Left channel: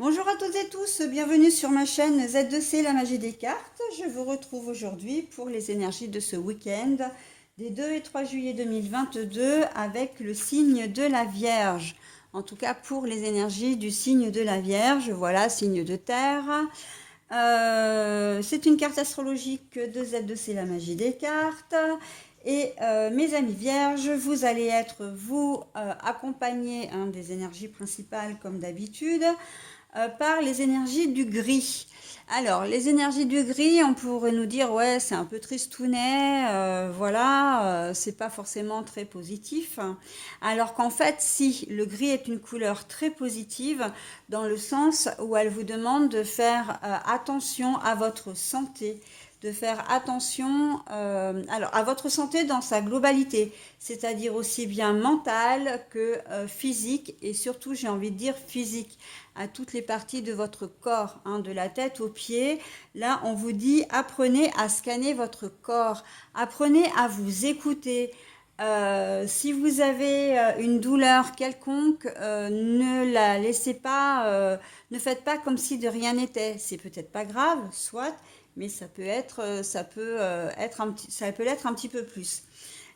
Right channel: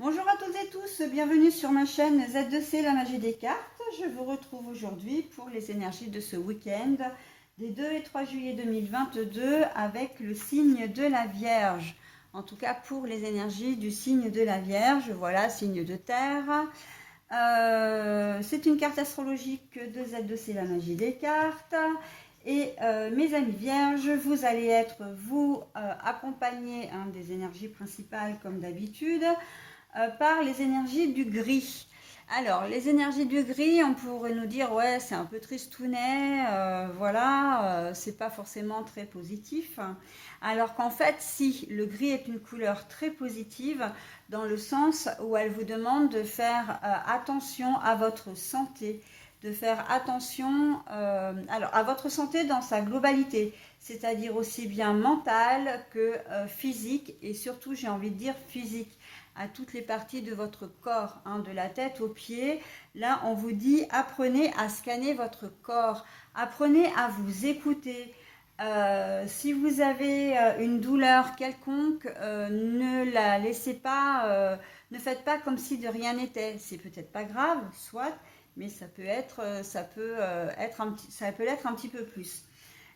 Bonjour à toutes et tous, bienvenue sur ma chaîne Z2C, la magie des cartes. Je vous retrouve aujourd'hui pour les énergies de ce week-end des 2 et 3 juillet 2022 avec le signe de la Vierge. En tout cas pour les énergies du signe de la Vierge, voilà, signe de terre. C'est une carte astrologique de Z2C, la magie des cartes. Et mes amis vierges, vous allez être, vous, accompagnés des énergies principales comme d'habitude, par les énergies du gris. Alors, les énergies du gris, on pourrait nous dire, ouais, c'est un peu tristounet, voilà, c'est pas forcément très positif. Alors qu'en fait, si, le gris est une couleur très positive, dans le sens où elle vous demande de faire attention à votre santé, de faire attention alors à votre santé dans sa globalité, c'est-à-dire aussi bien mentale que physique, et surtout j'ai envie de dire physique, à toutes les parties de votre corps, de la tête aux pieds. Là, on vous dit apprenez à scanner votre corps, apprenez à vous écouter. Si vous avez une douleur quelconque, ne la laissez pas, ne faites pas comme si de rien n'était. C'est peut-être pas grave, soit, mais ça peut être, ça peut l'être un petit peu plus.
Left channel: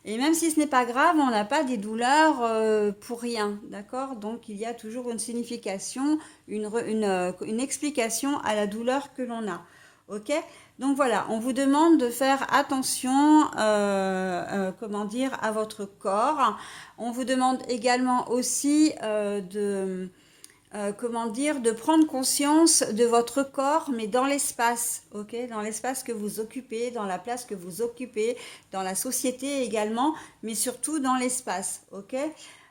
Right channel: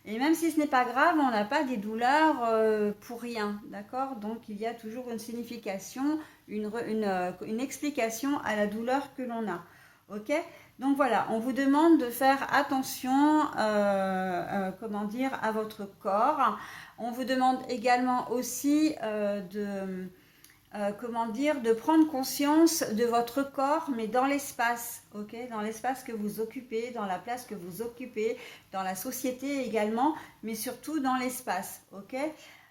Et même si ce n'est pas grave, on n'a pas des douleurs pour rien, d'accord? Donc il y a toujours une signification, une explication à la douleur que l'on a, ok? Donc voilà, on vous demande de faire attention, comment dire, à votre corps. On vous demande également aussi comment dire, de prendre conscience de votre corps, mais dans l'espace, ok, dans l'espace que vous occupez, dans la place que vous occupez, dans la société également, mais surtout dans l'espace, ok.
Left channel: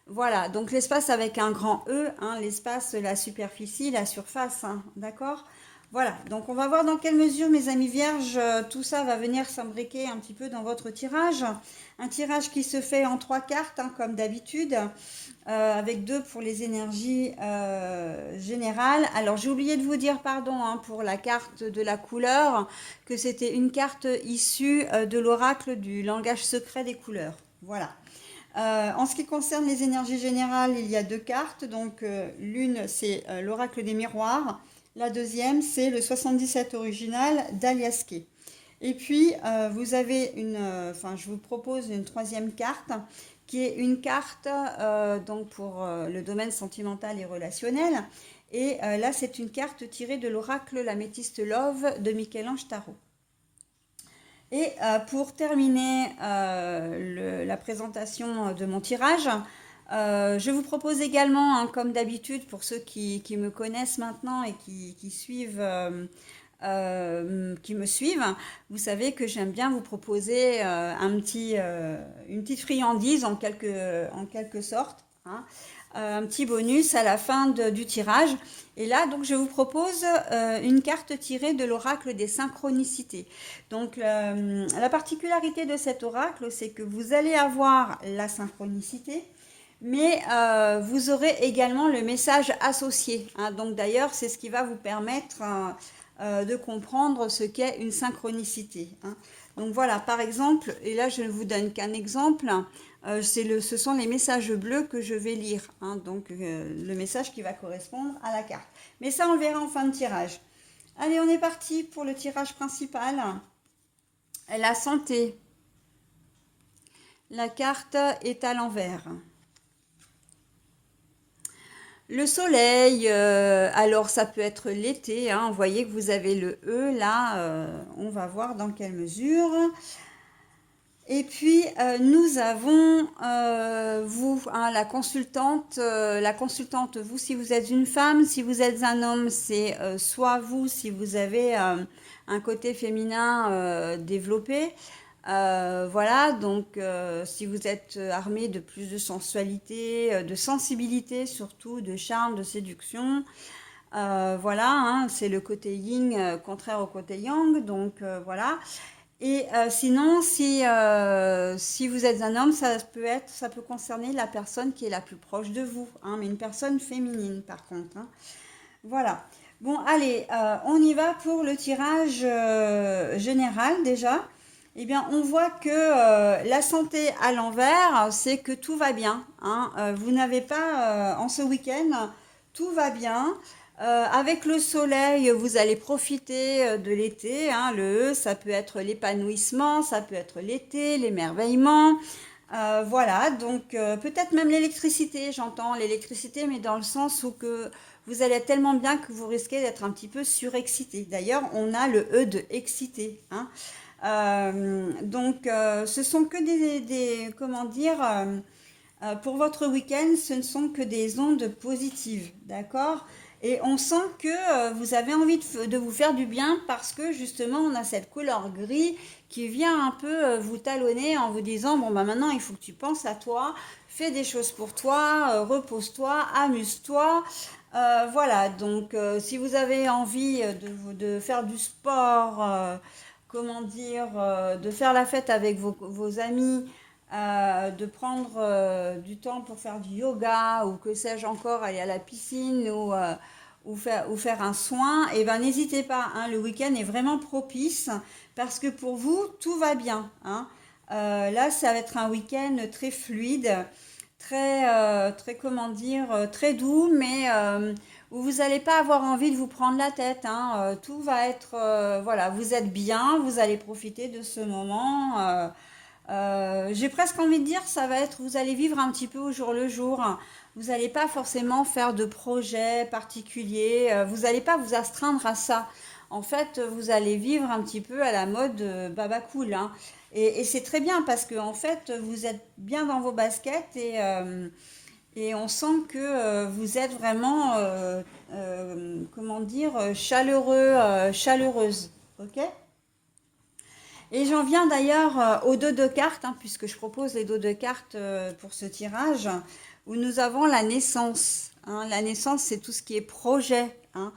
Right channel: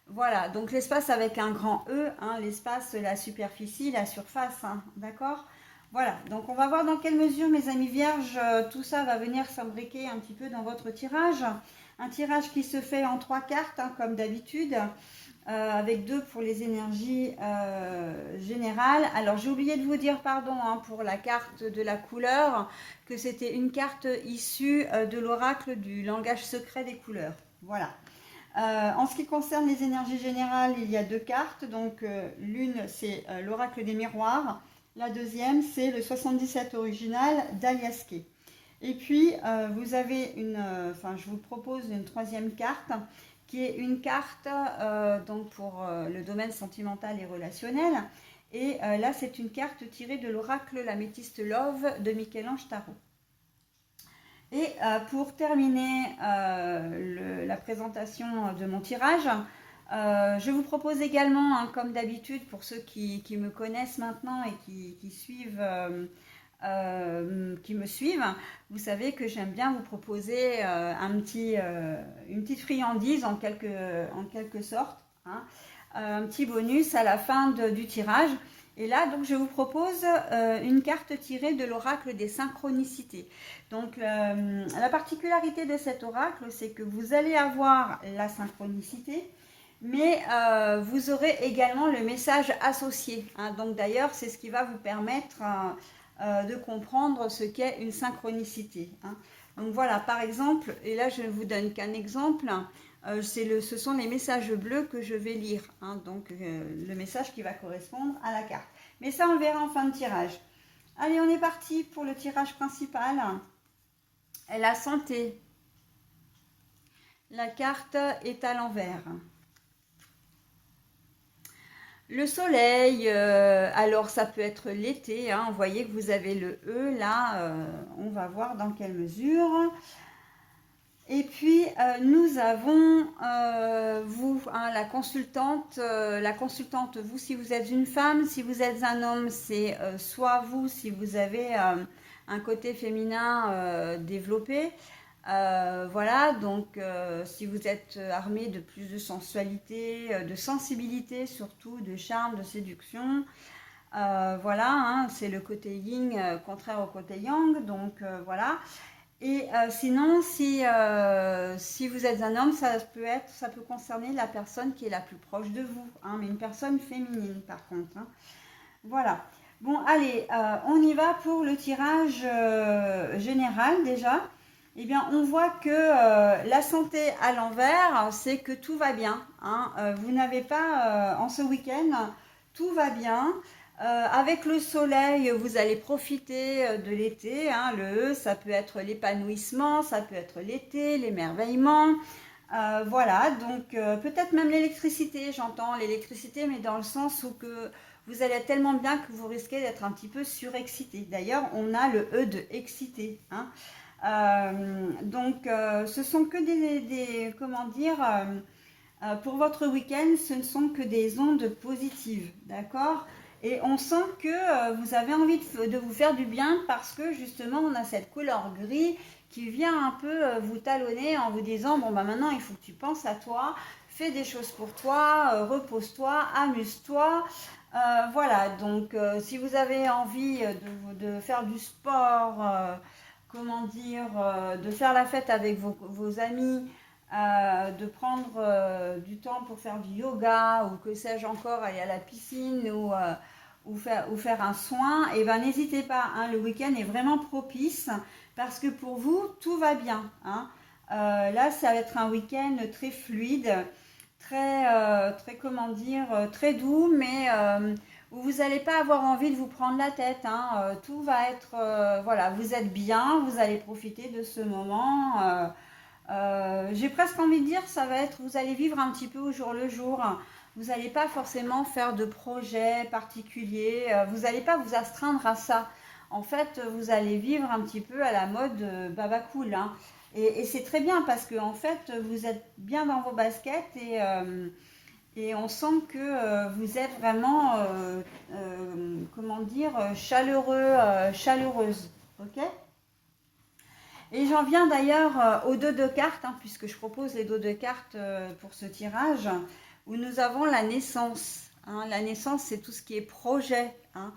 Voilà, donc l'espace avec un grand E, l'espace, la superficie, la surface, d'accord. Voilà, donc on va voir dans quelle mesure, mes amis vierges, tout ça va venir s'imbriquer un petit peu dans votre tirage. Un tirage qui se fait en 3 cartes, comme d'habitude, avec 2 pour les énergies générales. Alors j'ai oublié de vous dire, pardon, pour la carte de la couleur, que c'était une carte issue de l'oracle du langage secret des couleurs. Voilà. En ce qui concerne les énergies générales, il y a 2 cartes. Donc l'une, c'est l'oracle des miroirs. La deuxième, c'est le 77 original d'Aliaské. Et puis, vous avez je vous propose une 3e carte qui est une carte donc pour le domaine sentimental et relationnel. Et là, c'est une carte tirée de l'oracle La Métiste Love de Michel-Ange Tarot. Et pour terminer la présentation de mon tirage, je vous propose également, comme d'habitude, pour ceux qui me connaissent maintenant et qui suivent, qui me suivent, vous savez que j'aime bien vous proposer une petite friandise en quelque sorte, un petit bonus à la fin du tirage. Et là, donc, je vous propose une carte tirée de l'oracle des synchronicités. Donc, la particularité de cet oracle, c'est que vous allez avoir la synchronicité, mais vous aurez également le message associé. Donc, d'ailleurs, c'est ce qui va vous permettre de comprendre ce qu'est une synchronicité. Donc, voilà, par exemple, et là, je ne vous donne qu'un exemple. Ce sont les messages bleus que je vais lire, donc le message qui va correspondre à la carte. Mais ça, on le verra en fin de tirage. Allez, on est parti pour le tirage principal. La santé. La carte est à l'envers. Le soleil, alors ça peut être l'été, vous voyez que vous avez le E là, on va voir dans quelle mesure. Et puis nous avons vous, la consultante, vous si vous êtes une femme, si vous êtes un homme, c'est soit vous si vous avez un côté féminin développé. Voilà, donc si vous êtes armé de plus de sensualité, de sensibilité surtout, de charme, de séduction, voilà, c'est le côté yin contraire au côté yang, donc voilà. Et sinon, si vous êtes un homme, ça peut concerner la personne qui est la plus proche de vous, mais une personne féminine par contre. Voilà. Bon, allez, on y va pour le tirage général déjà. Eh bien, on voit que la santé à l'envers, c'est que tout va bien. Vous n'avez pas, en ce week-end, tout va bien. Avec le soleil, vous allez profiter de l'été, hein. Le E, ça peut être l'épanouissement, ça peut être l'été, l'émerveillement. Voilà, donc peut-être même l'électricité, j'entends l'électricité, mais dans le sens où que vous allez être tellement bien que vous risquez d'être un petit peu surexcité. D'ailleurs, on a le E de excité, hein. Donc, ce sont que comment dire, pour votre week-end, ce ne sont que des ondes positives, d'accord? Et on sent que vous avez envie de vous faire du bien parce que justement, on a cette couleur gris qui vient un peu vous talonner en vous disant, bon, bah maintenant, il faut que tu penses à toi, fais des choses pour toi, repose-toi, amuse-toi. Voilà, donc si vous avez envie de faire du sport, comment dire, de faire la fête avec vos amis, de prendre du temps pour faire du yoga ou que sais-je encore, aller à la piscine ou faire un soin, et ben n'hésitez pas, hein, le week-end est vraiment propice parce que pour vous, tout va bien, hein. Là, ça va être un week-end très fluide, très comment dire, très doux, mais où vous n'allez pas avoir envie de vous prendre la tête, hein. Tout va être, voilà, vous êtes bien, vous allez profiter de ce moment. J'ai presque envie de dire, ça va être, vous allez vivre un petit peu au jour le jour. Vous n'allez pas forcément faire de projets particuliers. Vous n'allez pas vous astreindre à ça. En fait, vous allez vivre un petit peu à la mode baba cool, hein. Et c'est très bien parce que en fait, vous êtes bien dans vos baskets et on sent que vous êtes vraiment, comment dire, chaleureux, chaleureuse. Ok? Et j'en viens d'ailleurs aux dos de cartes, hein, puisque je propose les dos de cartes pour ce tirage, où nous avons la naissance, hein. La naissance, c'est tout ce qui est projet, hein.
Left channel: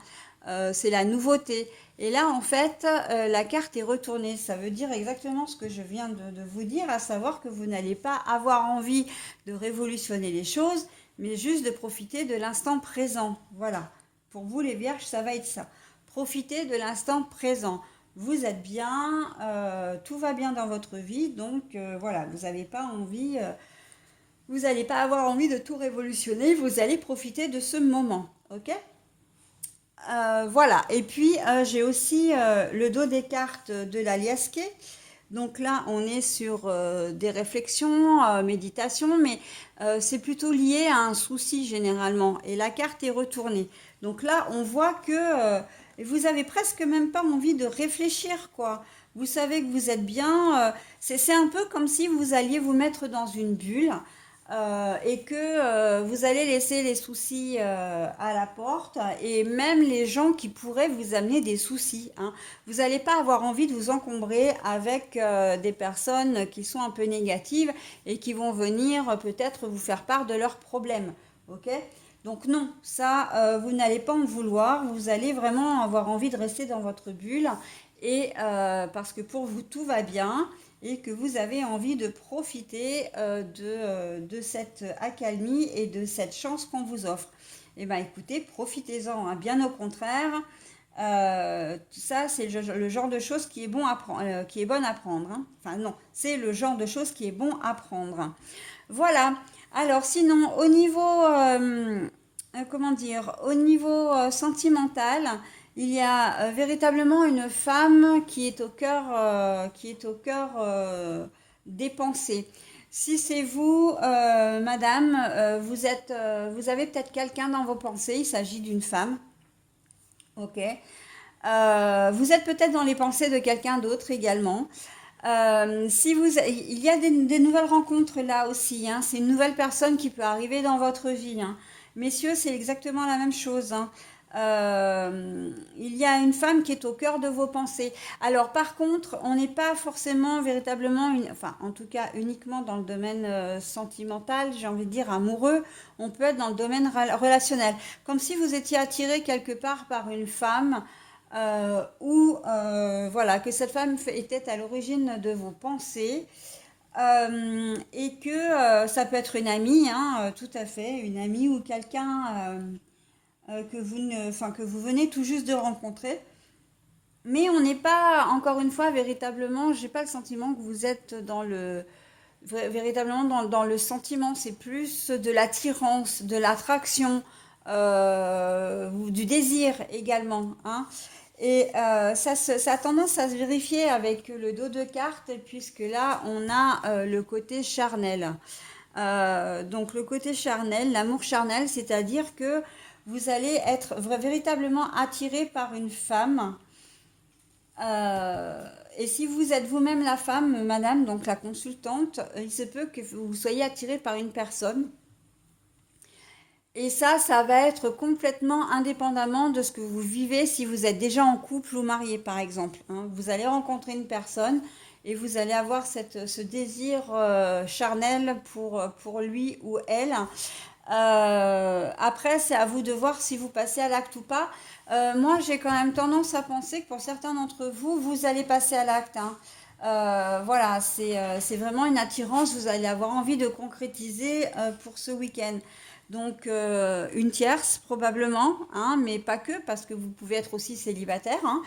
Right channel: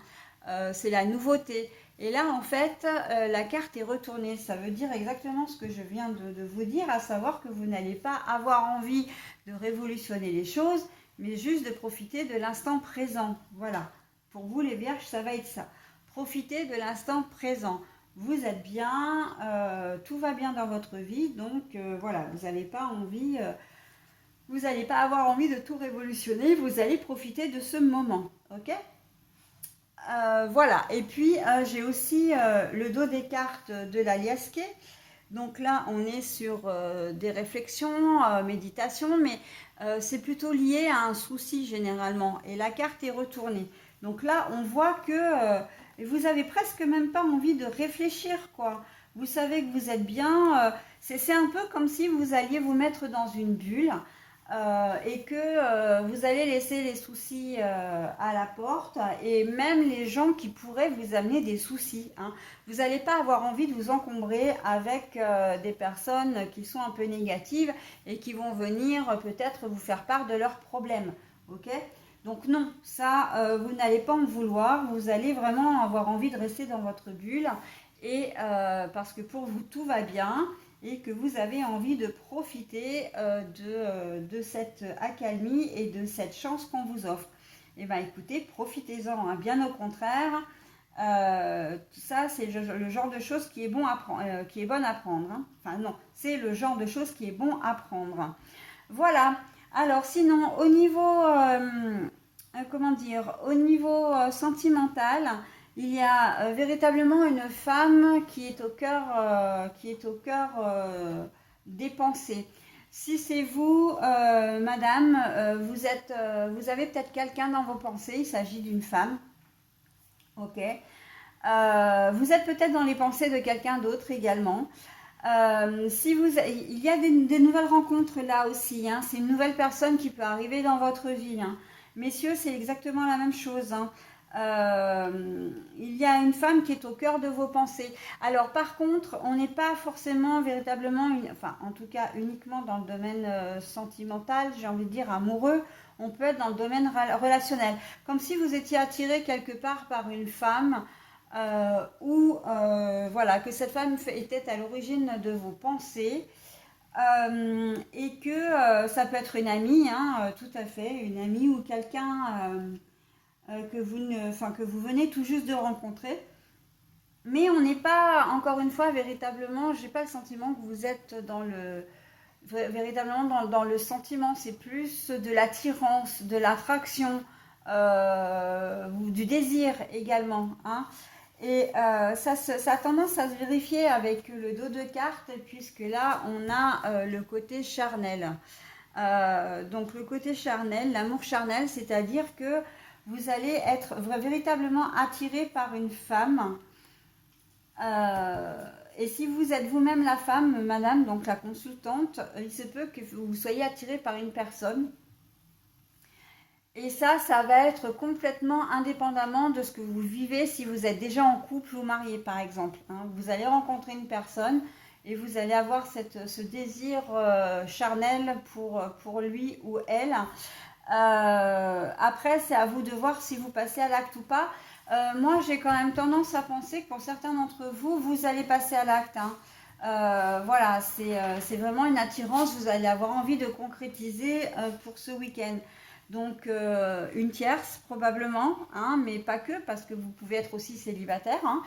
C'est la nouveauté. Et là, en fait, la carte est retournée. Ça veut dire exactement ce que je viens de vous dire, à savoir que vous n'allez pas avoir envie de révolutionner les choses, mais juste de profiter de l'instant présent. Voilà. Pour vous, les vierges, ça va être ça. Profitez de l'instant présent. Vous êtes bien, tout va bien dans votre vie, donc voilà, vous n'avez pas envie, vous n'allez pas avoir envie de tout révolutionner, vous allez profiter de ce moment, ok? Voilà, et puis j'ai aussi le dos des cartes de la Liasquet. Donc là, on est sur des réflexions, méditation, mais c'est plutôt lié à un souci généralement. Et la carte est retournée. Donc là, on voit que vous avez presque même pas envie de réfléchir, quoi. Vous savez que vous êtes bien. C'est un peu comme si vous alliez vous mettre dans une bulle et que vous allez laisser les soucis à la porte et même les gens qui pourraient vous amener des soucis, hein. Vous n'allez pas avoir envie de vous encombrer avec des personnes qui sont un peu négatives et qui vont venir peut-être vous faire part de leurs problèmes. Ok? Donc non, ça, vous n'allez pas en vouloir. Vous allez vraiment avoir envie de rester dans votre bulle et parce que pour vous tout va bien et que vous avez envie de profiter de cette accalmie et de cette chance qu'on vous offre. Eh bien écoutez, profitez-en, hein, bien au contraire. Tout ça, c'est le genre de choses qui est bon à qui est bonne à prendre, hein. Enfin non, c'est le genre de choses qui est bon à prendre. Voilà. Alors sinon, au niveau, comment dire, au niveau sentimental, il y a véritablement une femme qui est au cœur des pensées. Si c'est vous, madame, vous avez peut-être quelqu'un dans vos pensées, il s'agit d'une femme, ok. Vous êtes peut-être dans les pensées de quelqu'un d'autre également. Si vous, il y a des nouvelles rencontres là aussi, hein. C'est une nouvelle personne qui peut arriver dans votre vie, hein. Messieurs, c'est exactement la même chose, hein. Il y a une femme qui est au cœur de vos pensées. Alors par contre, on n'est pas forcément véritablement, enfin en tout cas uniquement dans le domaine sentimental, j'ai envie de dire amoureux, on peut être dans le domaine relationnel. Comme si vous étiez attiré quelque part par une femme ou voilà, que cette femme était à l'origine de vos pensées et que ça peut être une amie, hein, tout à fait, une amie ou quelqu'un que que vous venez tout juste de rencontrer. Mais on n'est pas, encore une fois, véritablement, j'ai pas le sentiment que vous êtes véritablement dans le sentiment, c'est plus de l'attirance, de l'attraction, du désir également, hein. Et ça a tendance à se vérifier avec le dos de carte, puisque là, on a le côté charnel. Donc le côté charnel, l'amour charnel, c'est-à-dire que vous allez être véritablement attiré par une femme. Et si vous êtes vous-même la femme, madame, donc la consultante, il se peut que vous soyez attiré par une personne. Et ça va être complètement indépendamment de ce que vous vivez si vous êtes déjà en couple ou marié, par exemple, hein. Vous allez rencontrer une personne et vous allez avoir ce désir charnel pour lui ou elle. Après, c'est à vous de voir si vous passez à l'acte ou pas. Moi, j'ai quand même tendance à penser que pour certains d'entre vous, vous allez passer à l'acte, hein. Voilà, c'est vraiment une attirance. Vous allez avoir envie de concrétiser pour ce week-end. Donc, une tierce probablement, hein, mais pas que, parce que vous pouvez être aussi célibataire, hein.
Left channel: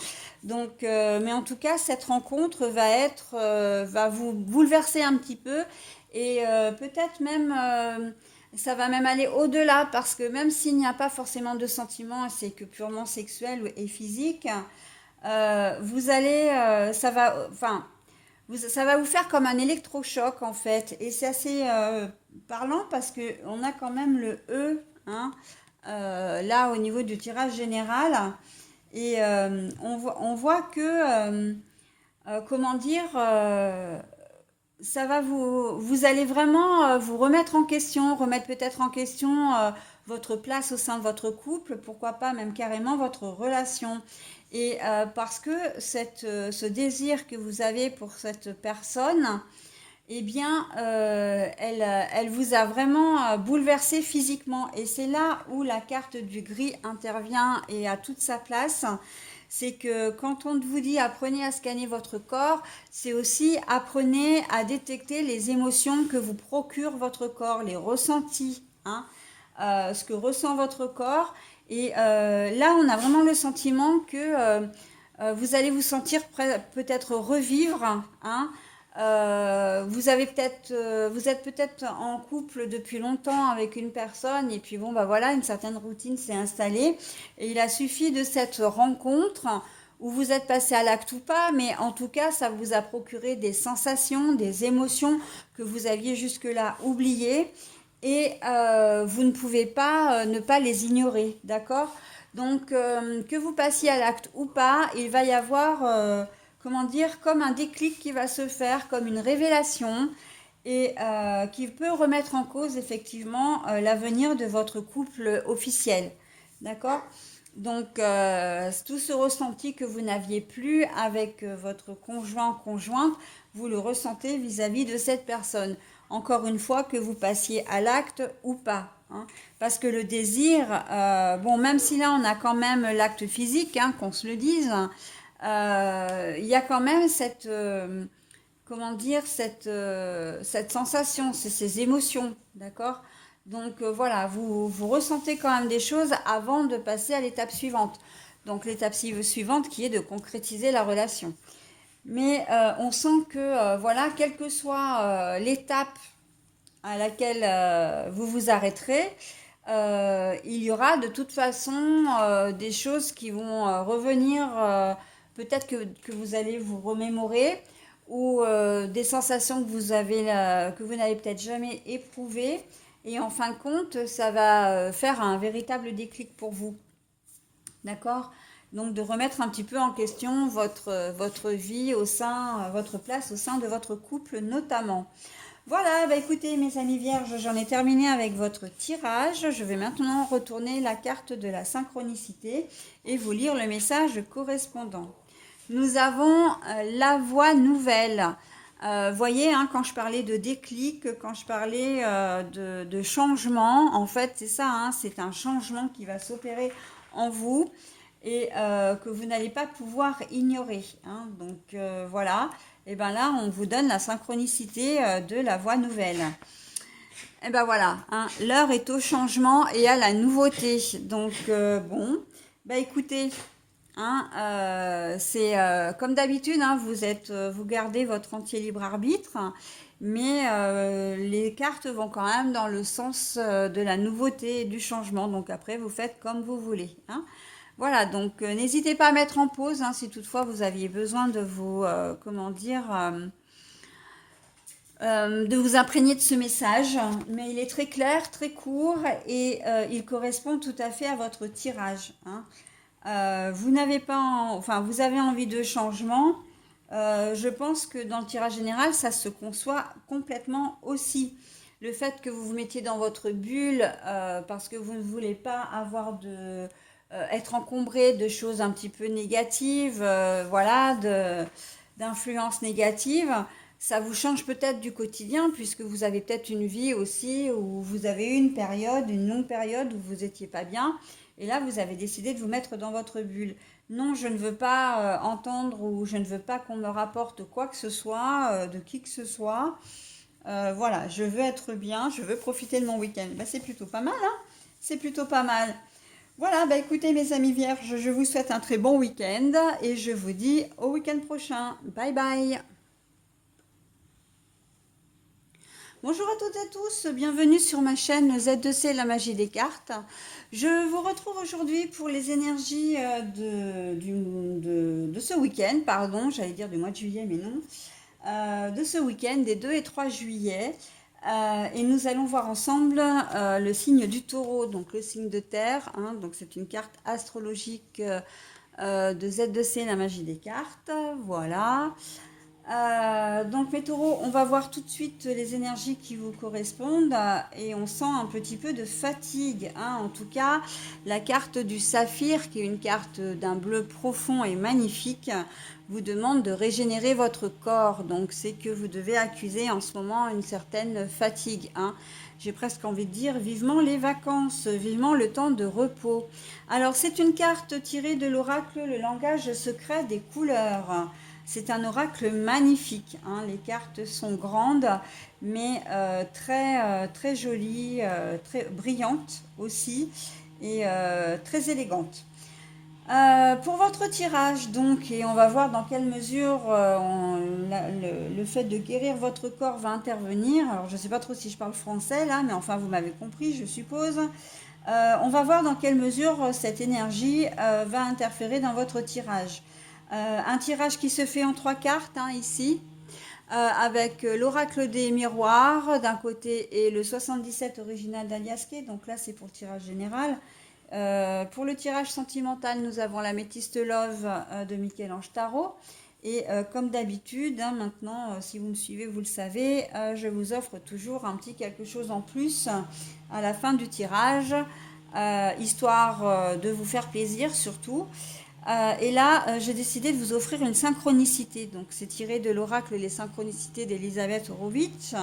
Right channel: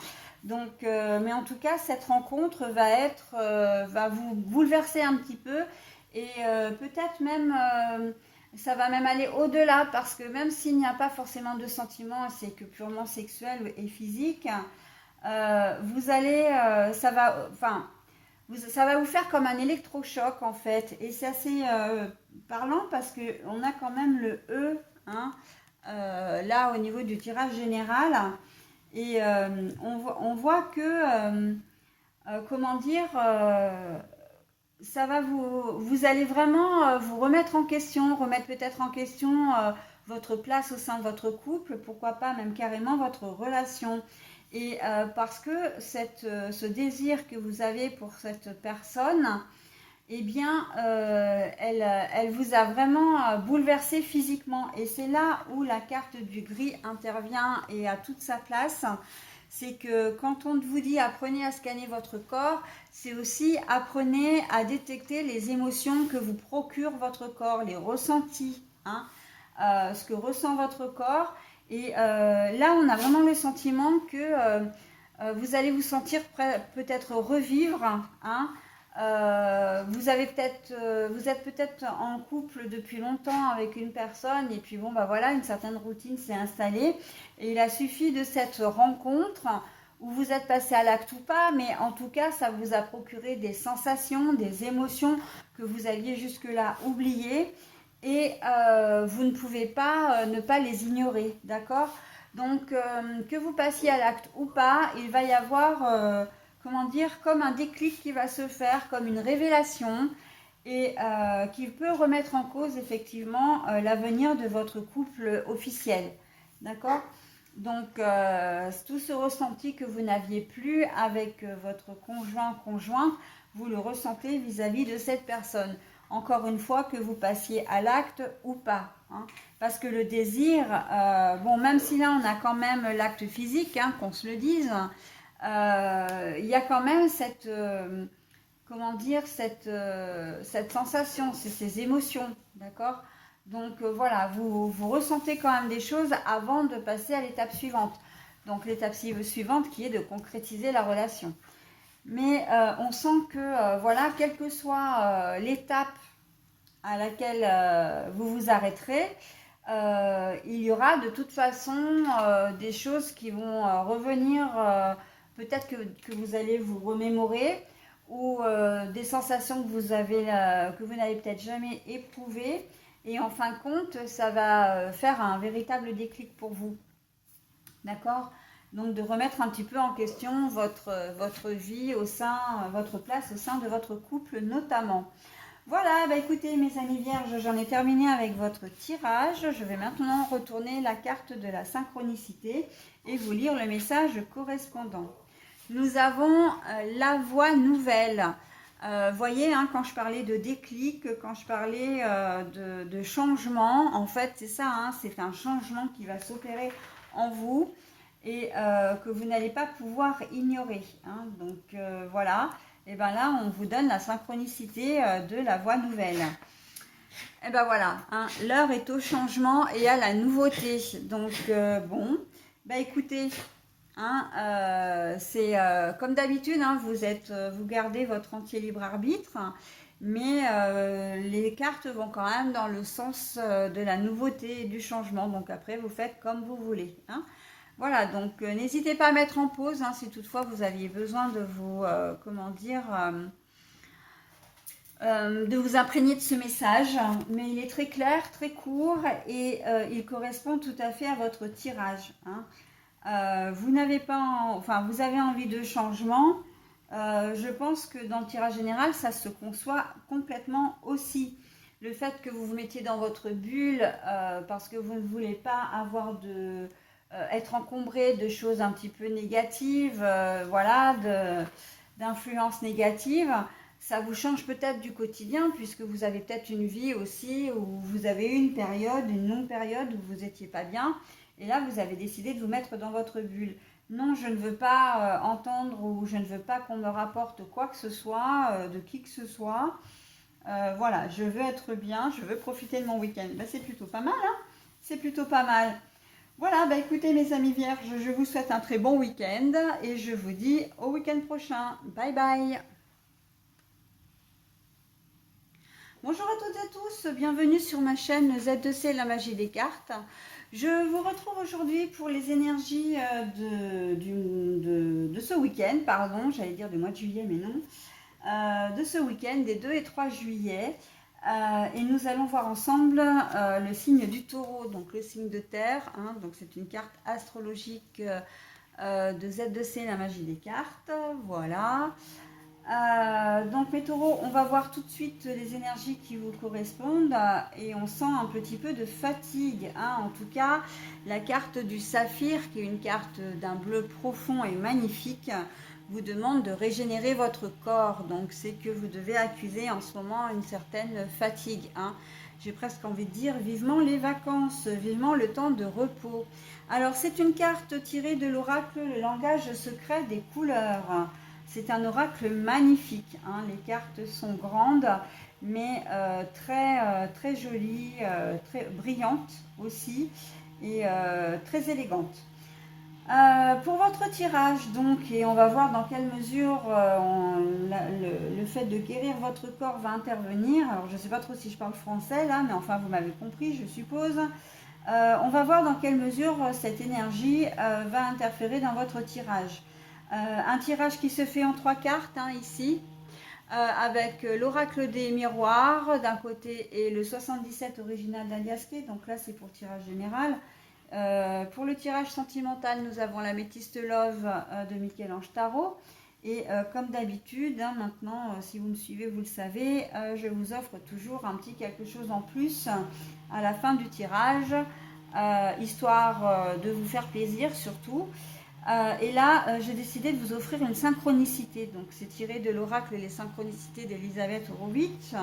Donc, mais en tout cas, cette rencontre va vous bouleverser un petit peu et peut-être même ça va même aller au-delà parce que même s'il n'y a pas forcément de sentiments, c'est que purement sexuel et physique, vous allez, ça va vous faire comme un électrochoc en fait. Et c'est assez parlant parce que on a quand même le E, hein, là au niveau du tirage général. Et on voit que, comment dire, ça va vous allez vraiment vous remettre en question, remettre peut-être en question votre place au sein de votre couple, pourquoi pas même carrément votre relation. Et parce que ce désir que vous avez pour cette personne, eh bien, elle vous a vraiment bouleversé physiquement. Et c'est là où la carte du gris intervient et a toute sa place. C'est que quand on vous dit apprenez à scanner votre corps, c'est aussi apprenez à détecter les émotions que vous procure votre corps, les ressentis, hein, ce que ressent votre corps. Et là, on a vraiment le sentiment que vous allez vous sentir peut-être revivre, hein. Vous êtes peut-être en couple depuis longtemps avec une personne et puis bon bah voilà, une certaine routine s'est installée et il a suffi de cette rencontre où vous êtes passé à l'acte ou pas, mais en tout cas ça vous a procuré des sensations, des émotions que vous aviez jusque-là oubliées et vous ne pouvez pas ne pas les ignorer, d'accord? Donc que vous passiez à l'acte ou pas, il va y avoir comment dire, comme un déclic qui va se faire, comme une révélation, et qui peut remettre en cause effectivement l'avenir de votre couple officiel. D'accord? Donc, tout ce ressenti que vous n'aviez plus avec votre conjoint, conjointe, vous le ressentez vis-à-vis de cette personne. Encore une fois, que vous passiez à l'acte ou pas, hein. Parce que le désir, bon, même si là on a quand même l'acte physique, hein, qu'on se le dise, il y a quand même comment dire, cette sensation, ces émotions, d'accord? Donc voilà, vous ressentez quand même des choses avant de passer à l'étape suivante. Donc l'étape suivante qui est de concrétiser la relation. Mais on sent que, voilà, quelle que soit l'étape à laquelle vous vous arrêterez, il y aura de toute façon des choses qui vont revenir, peut-être que vous allez vous remémorer, ou des sensations que vous n'avez peut-être jamais éprouvées. Et en fin de compte, ça va faire un véritable déclic pour vous. D'accord? Donc de remettre un petit peu en question votre vie votre place au sein de votre couple notamment. Voilà, bah écoutez mes amis vierges, j'en ai terminé avec votre tirage. Je vais maintenant retourner la carte de la synchronicité et vous lire le message correspondant. Nous avons la voie nouvelle. Voyez, hein, quand je parlais de déclic, quand je parlais de changement, en fait c'est ça, hein, c'est un changement qui va s'opérer en vous et que vous n'allez pas pouvoir ignorer, hein. Donc voilà, et bien là on vous donne la synchronicité de la voie nouvelle. Et ben voilà, hein, l'heure est au changement et à la nouveauté. Donc bon, bah écoutez, hein, c'est comme d'habitude, hein, vous gardez votre entier libre arbitre. mais les cartes vont quand même dans le sens de la nouveauté et du changement. Donc après, vous faites comme vous voulez, hein. Voilà, donc n'hésitez pas à mettre en pause hein, si toutefois vous aviez besoin de vous, comment dire, de vous imprégner de ce message. Mais il est très clair, très court et il correspond tout à fait à votre tirage, hein. Vous n'avez pas, enfin, vous avez envie de changement. Je pense que dans le tirage général, ça se conçoit complètement aussi. Le fait que vous vous mettiez dans votre bulle parce que vous ne voulez pas avoir être encombré de choses un petit peu négatives, voilà, d'influences négatives. Ça vous change peut-être du quotidien puisque vous avez peut-être une vie aussi où vous avez eu une longue période où vous n'étiez pas bien. Et là, vous avez décidé de vous mettre dans votre bulle. Non, je ne veux pas entendre ou je ne veux pas qu'on me rapporte quoi que ce soit, de qui que ce soit. Voilà, je veux être bien, je veux profiter de mon week-end. Ben, c'est plutôt pas mal, hein. C'est plutôt pas mal. Voilà, bah écoutez mes amis vierges, je vous souhaite un très bon week-end et je vous dis au week-end prochain. Bye bye. Bonjour à toutes et à tous, bienvenue sur ma chaîne Z2C La Magie des Cartes. Je vous retrouve aujourd'hui pour les énergies de ce week-end, pardon, j'allais dire du mois de juillet, mais non, de ce week-end des 2 et 3 juillet. Et nous allons voir ensemble le signe du taureau, donc le signe de terre, hein, donc c'est une carte astrologique de Z2C La Magie des Cartes, voilà. Donc mes taureaux, on va voir tout de suite les énergies qui vous correspondent et on sent un petit peu de fatigue, hein. En tout cas, la carte du saphir, qui est une carte d'un bleu profond et magnifique, vous demande de régénérer votre corps. Donc c'est que vous devez accuser en ce moment une certaine fatigue, hein. J'ai presque envie de dire vivement les vacances, vivement le temps de repos. Alors c'est une carte tirée de l'oracle, le langage secret des couleurs. C'est un oracle magnifique, hein. Les cartes sont grandes, mais très jolies, très brillantes aussi, et très élégantes. Pour votre tirage, donc, et on va voir dans quelle mesure le fait de guérir votre corps va intervenir. Alors, je ne sais pas trop si je parle français là, mais enfin, vous m'avez compris, je suppose. On va voir dans quelle mesure cette énergie va interférer dans votre tirage. Un tirage qui se fait en 3 cartes, hein, ici, avec l'oracle des miroirs d'un côté et le 77 original d'Aliasquet. Donc là, c'est pour tirage général. Pour le tirage sentimental, nous avons la Métiste Love de Michel-Ange Tarot. Et comme d'habitude, hein, maintenant, si vous me suivez, vous le savez, je vous offre toujours un petit quelque chose en plus à la fin du tirage, histoire de vous faire plaisir surtout. Et là, j'ai décidé de vous offrir une synchronicité. Donc, c'est tiré de l'oracle Les synchronicités d'Elisabeth Horowitz,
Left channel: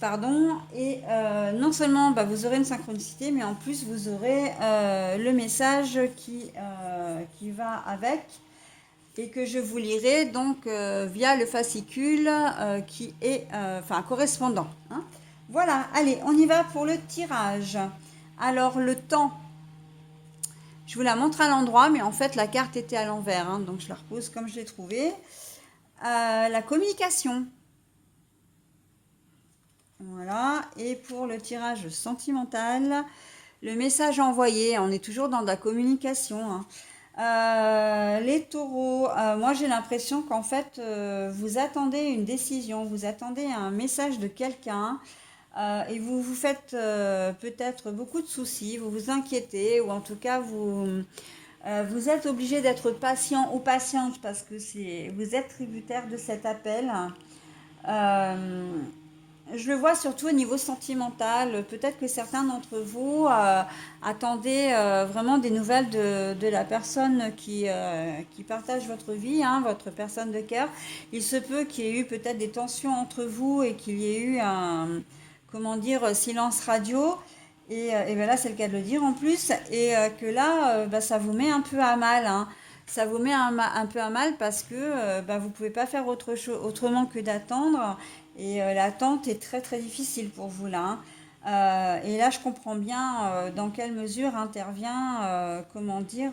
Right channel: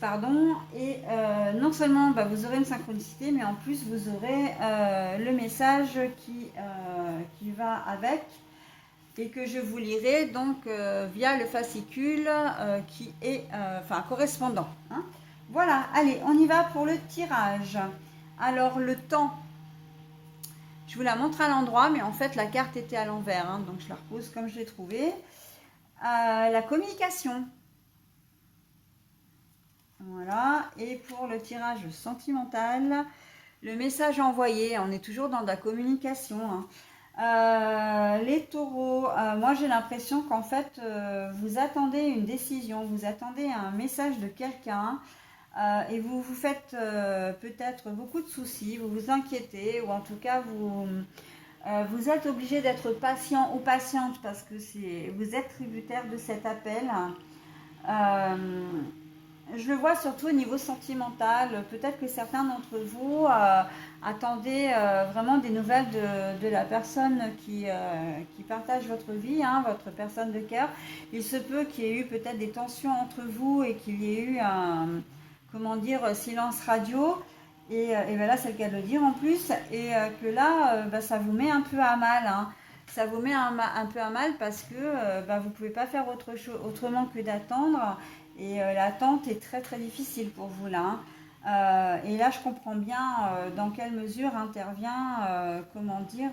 pardon. Et non seulement bah, vous aurez une synchronicité, mais en plus vous aurez le message qui va avec et que je vous lirai donc via le fascicule qui est correspondant, hein. Voilà, allez, on y va pour le tirage. Alors, le temps. Je vous la montre à l'endroit, mais en fait, la carte était à l'envers, hein, donc je la repose comme je l'ai trouvée. La communication. Voilà. Et pour le tirage sentimental, le message envoyé. On est toujours dans la communication, hein. Les taureaux, moi j'ai l'impression qu'en fait, vous attendez une décision, vous attendez un message de quelqu'un. Et vous vous faites peut-être beaucoup de soucis, vous vous inquiétez, ou en tout cas vous êtes obligé d'être patient ou patiente parce que vous êtes tributaire de cet appel. Euh, je le vois surtout au niveau sentimental. Peut-être que certains d'entre vous attendaient vraiment des nouvelles de la personne qui partage votre vie, hein, votre personne de cœur. Il se peut qu'il y ait eu peut-être des tensions entre vous et qu'il y ait eu comment dire, silence radio. Et ben là, c'est le cas de le dire en plus. Et que là, ça vous met un peu à mal, hein. Ça vous met un peu à mal parce que vous ne pouvez pas faire autrement que d'attendre. Et l'attente est très très difficile pour vous là, hein. Et là, je comprends bien dans quelle mesure intervient, comment dire,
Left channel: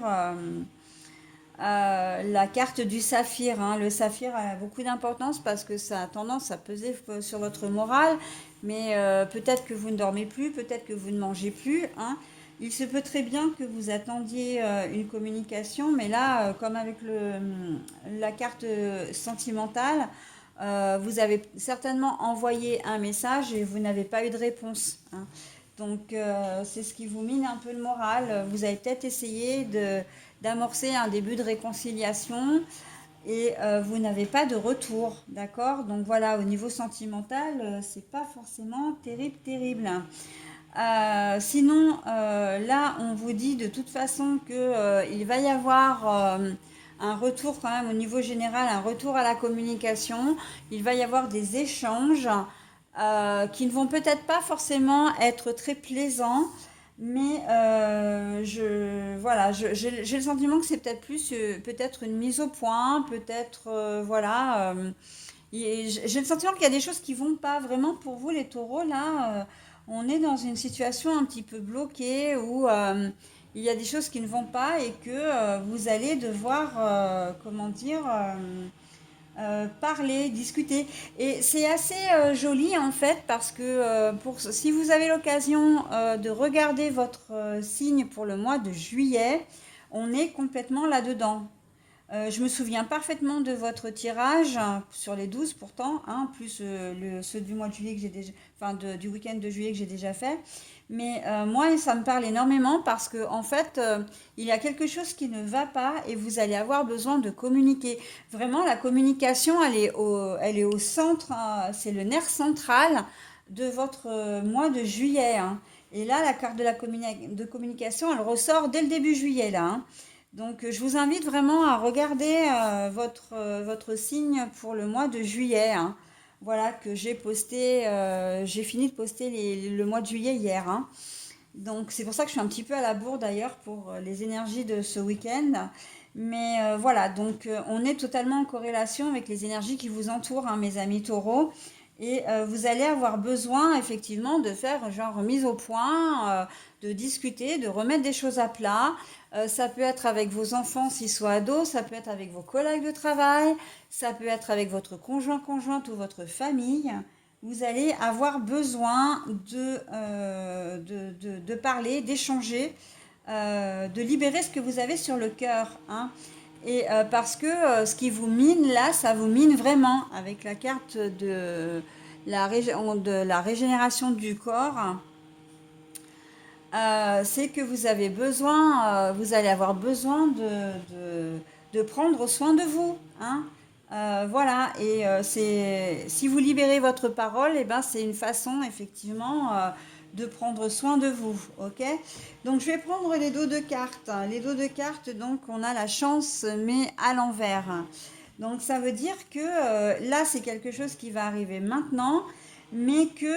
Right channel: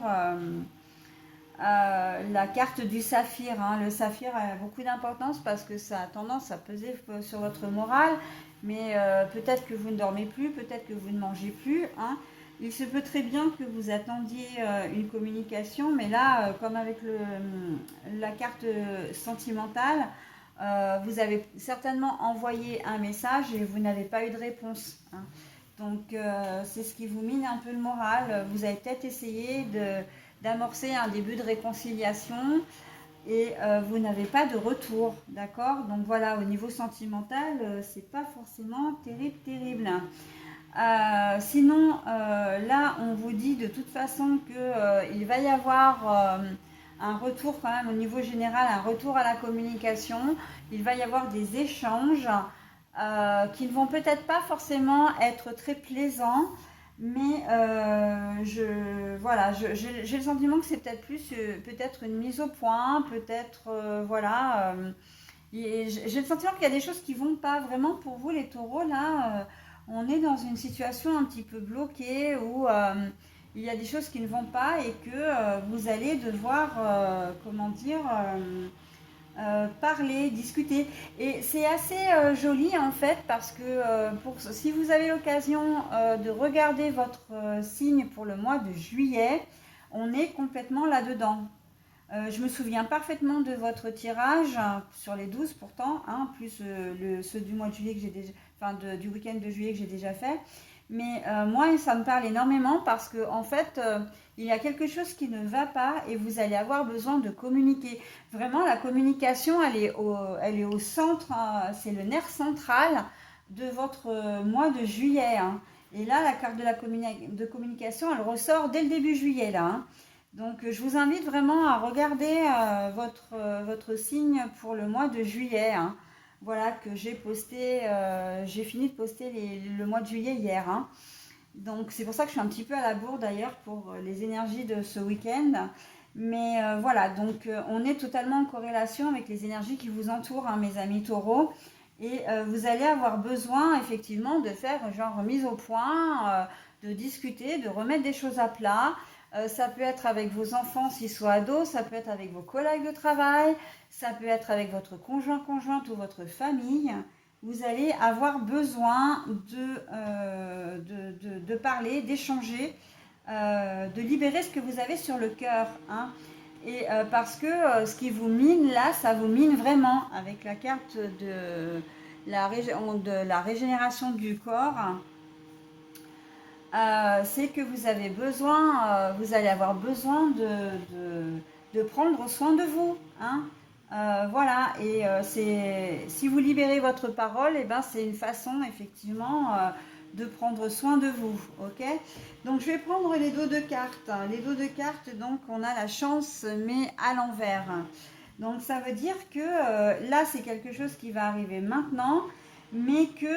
la carte du saphir, hein. Le saphir a beaucoup d'importance parce que ça a tendance à peser sur votre morale, mais peut-être que vous ne dormez plus, peut-être que vous ne mangez plus, hein. Il se peut très bien que vous attendiez une communication, mais là, comme avec la carte sentimentale, vous avez certainement envoyé un message et vous n'avez pas eu de réponse, hein. Donc, c'est ce qui vous mine un peu le moral. Vous avez peut-être essayé d'amorcer un début de réconciliation et vous n'avez pas de retour, d'accord? Donc voilà, au niveau sentimental, c'est pas forcément terrible, terrible. Sinon, là, on vous dit de toute façon que il va y avoir un retour quand même au niveau général, un retour à la communication. Il va y avoir des échanges qui ne vont peut-être pas forcément être très plaisants, mais voilà, j'ai le sentiment que c'est peut-être plus peut-être une mise au point, peut-être voilà. J'ai le sentiment qu'il y a des choses qui vont pas vraiment pour vous les taureaux là. On est dans une situation un petit peu bloquée où il y a des choses qui ne vont pas et que vous allez devoir, comment dire, parler, discuter. Et c'est assez joli en fait parce que si vous avez l'occasion de regarder votre signe pour le mois de juillet, on est complètement là-dedans. Je me souviens parfaitement de votre tirage sur les 12 pourtant, hein, plus ceux du mois de juillet que j'ai déjà, enfin du week-end de juillet que j'ai déjà fait. Mais moi, ça me parle énormément parce que en fait, il y a quelque chose qui ne va pas et vous allez avoir besoin de communiquer. Vraiment, la communication, elle est au centre, hein, c'est le nerf central de votre mois de juillet, hein. Et là, la carte de communication, elle ressort dès le début juillet, là, hein. Donc, je vous invite vraiment à regarder votre signe pour le mois de juillet, hein. Voilà que j'ai posté, j'ai fini de poster le mois de juillet hier, hein. Donc, c'est pour ça que je suis un petit peu à la bourre d'ailleurs pour les énergies de ce week-end. Mais voilà, donc on est totalement en corrélation avec les énergies qui vous entourent, hein, mes amis taureaux. Et vous allez avoir besoin effectivement de faire genre mise au point, de discuter, de remettre des choses à plat. Ça peut être avec vos enfants s'ils sont ados, ça peut être avec vos collègues de travail, ça peut être avec votre conjoint, conjointe ou votre famille. Vous allez avoir besoin de parler, d'échanger, de libérer ce que vous avez sur le cœur, hein. Et parce que ce qui vous mine là, ça vous mine vraiment avec la carte de la régénération du corps. C'est que vous avez besoin, vous allez avoir besoin de prendre soin de vous, hein. Voilà, et si vous libérez votre parole, et ben, c'est une façon effectivement de prendre soin de vous, ok? Donc je vais prendre les dos de cartes. Les dos de cartes, donc on a la chance, mais à l'envers. Donc ça veut dire que là, c'est quelque chose qui va arriver maintenant, mais que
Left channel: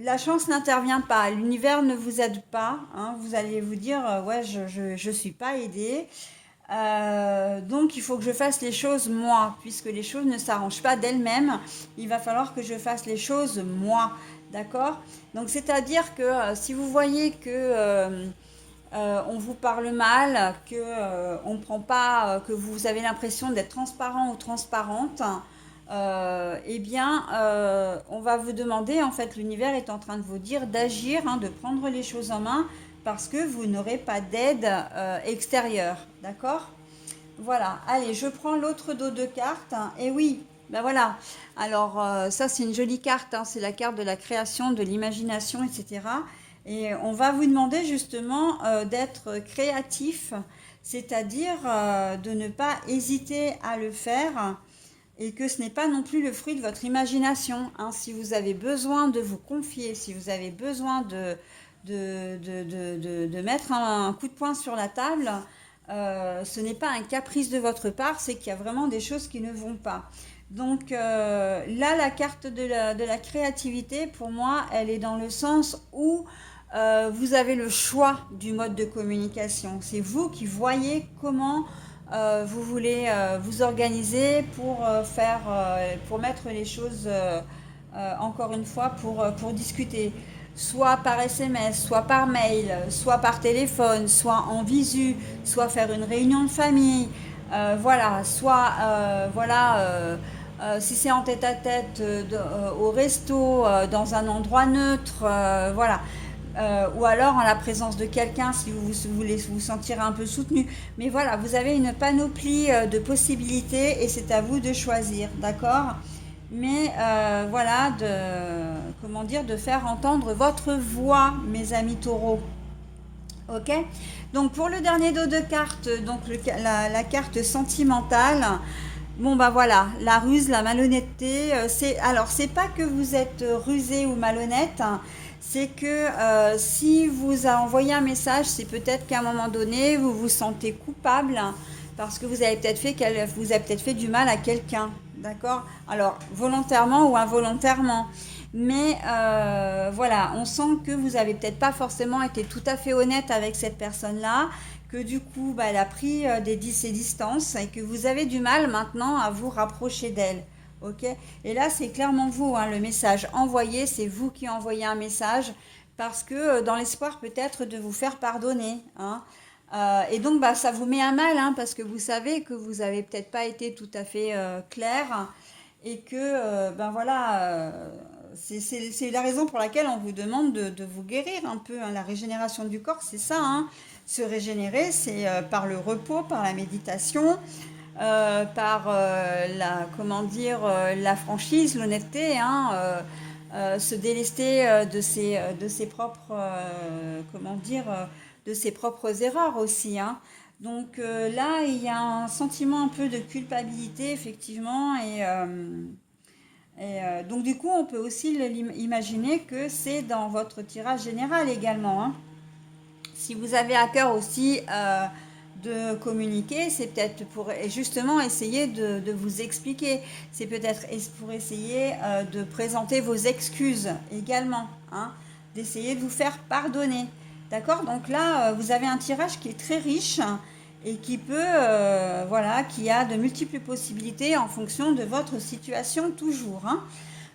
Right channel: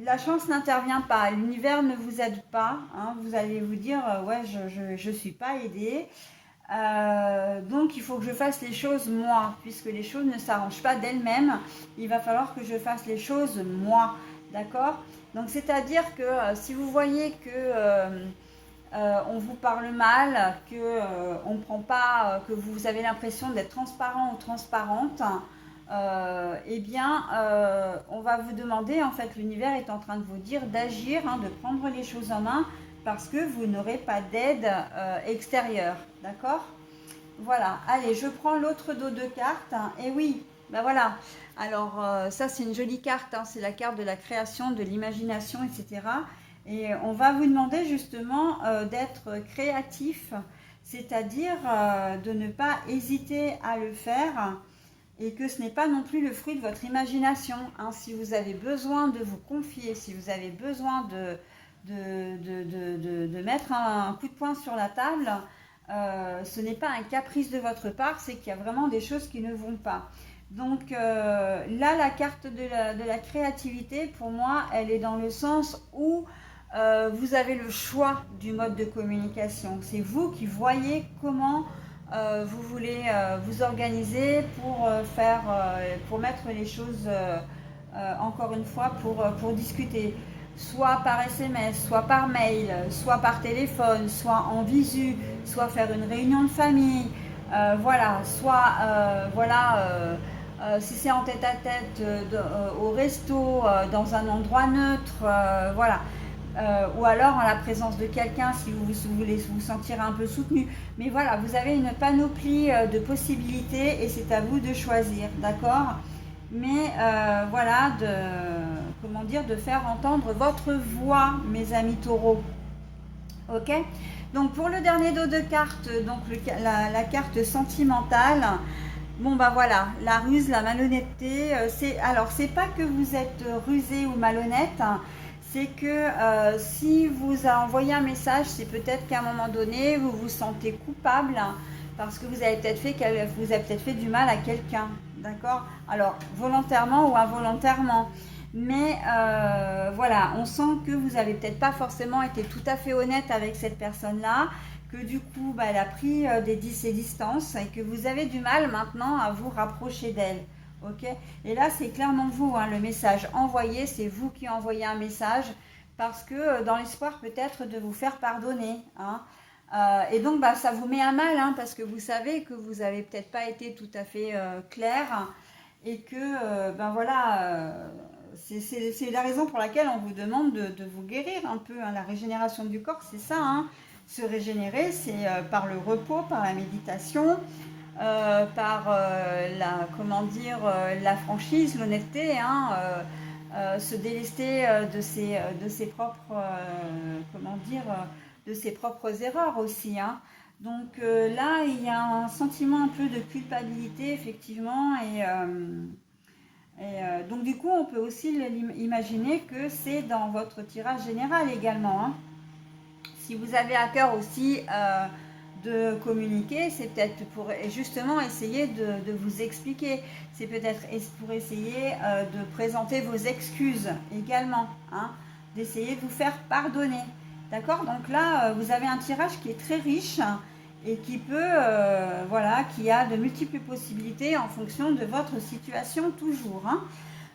la chance n'intervient pas, l'univers ne vous aide pas, hein. Vous allez vous dire, ouais, je suis pas aidée. Donc il faut que je fasse les choses moi, puisque les choses ne s'arrangent pas d'elles-mêmes. Il va falloir que je fasse les choses moi, d'accord? Donc c'est-à-dire que si vous voyez que on vous parle mal, que on prend pas, que vous avez l'impression d'être transparent ou transparente, eh bien, on va vous demander, en fait, l'univers est en train de vous dire d'agir, hein, de prendre les choses en main, parce que vous n'aurez pas d'aide extérieure, d'accord? Voilà, allez, je prends l'autre dos de cartes, hein, et oui, ben voilà. Alors, ça, c'est une jolie carte, hein, c'est la carte de la création, de l'imagination, etc. Et on va vous demander justement d'être créatif, c'est-à-dire de ne pas hésiter à le faire et que ce n'est pas non plus le fruit de votre imagination, hein. Si vous avez besoin de vous confier, si vous avez besoin de mettre un coup de poing sur la table, ce n'est pas un caprice de votre part, c'est qu'il y a vraiment des choses qui ne vont pas. Donc là, la carte de la créativité, pour moi, elle est dans le sens où vous avez le choix du mode de communication. C'est vous qui voyez comment vous voulez vous organiser pour mettre les choses, encore une fois, pour discuter. soit par SMS, soit par mail, soit par téléphone, soit en visu, soit faire une réunion de famille, voilà, soit voilà, si c'est en tête-à-tête au resto, dans un endroit neutre, voilà. Ou alors en la présence de quelqu'un si vous voulez vous sentir un peu soutenu. Mais voilà, vous avez une panoplie de possibilités et c'est à vous de choisir, d'accord? Mais voilà, comment dire, de faire entendre votre voix, mes amis taureaux. Ok. Donc pour le dernier dos de cartes, donc la carte sentimentale, bon bah voilà, la ruse, la malhonnêteté, c'est pas que vous êtes rusé ou malhonnête, hein, c'est que si vous envoyez un message, c'est peut-être qu'à un moment donné, vous vous sentez coupable, hein, parce que vous avez peut-être fait du mal à quelqu'un, d'accord? Alors volontairement ou involontairement. Mais voilà, on sent que vous n'avez peut-être pas forcément été tout à fait honnête avec cette personne-là, que du coup, bah, elle a pris ses distances et que vous avez du mal maintenant à vous rapprocher d'elle. Ok. Et là, c'est clairement vous, hein, le message envoyé, c'est vous qui envoyez un message parce que dans l'espoir peut-être de vous faire pardonner. Hein. Et donc, bah, ça vous met à mal hein, parce que vous savez que vous n'avez peut-être pas été tout à fait clair et que, ben voilà, c'est la raison pour laquelle on vous demande de vous guérir un peu. Hein. La régénération du corps, c'est ça. Hein. Se régénérer, c'est par le repos, par la méditation, par comment dire, la franchise, l'honnêteté, hein, se délester de ses propres, comment dire, de ses propres erreurs aussi. Hein. Donc là, il y a un sentiment un peu de culpabilité, effectivement, donc du coup, on peut aussi imaginer que c'est dans votre tirage général également. Hein. Si vous avez à cœur aussi de communiquer, c'est peut-être pour justement essayer de vous expliquer. C'est peut-être pour essayer de présenter vos excuses également. Hein, d'essayer de vous faire pardonner. D'accord. Donc là, vous avez un tirage qui est très riche et qui peut, voilà, qui a de multiples possibilités en fonction de votre situation toujours. Hein.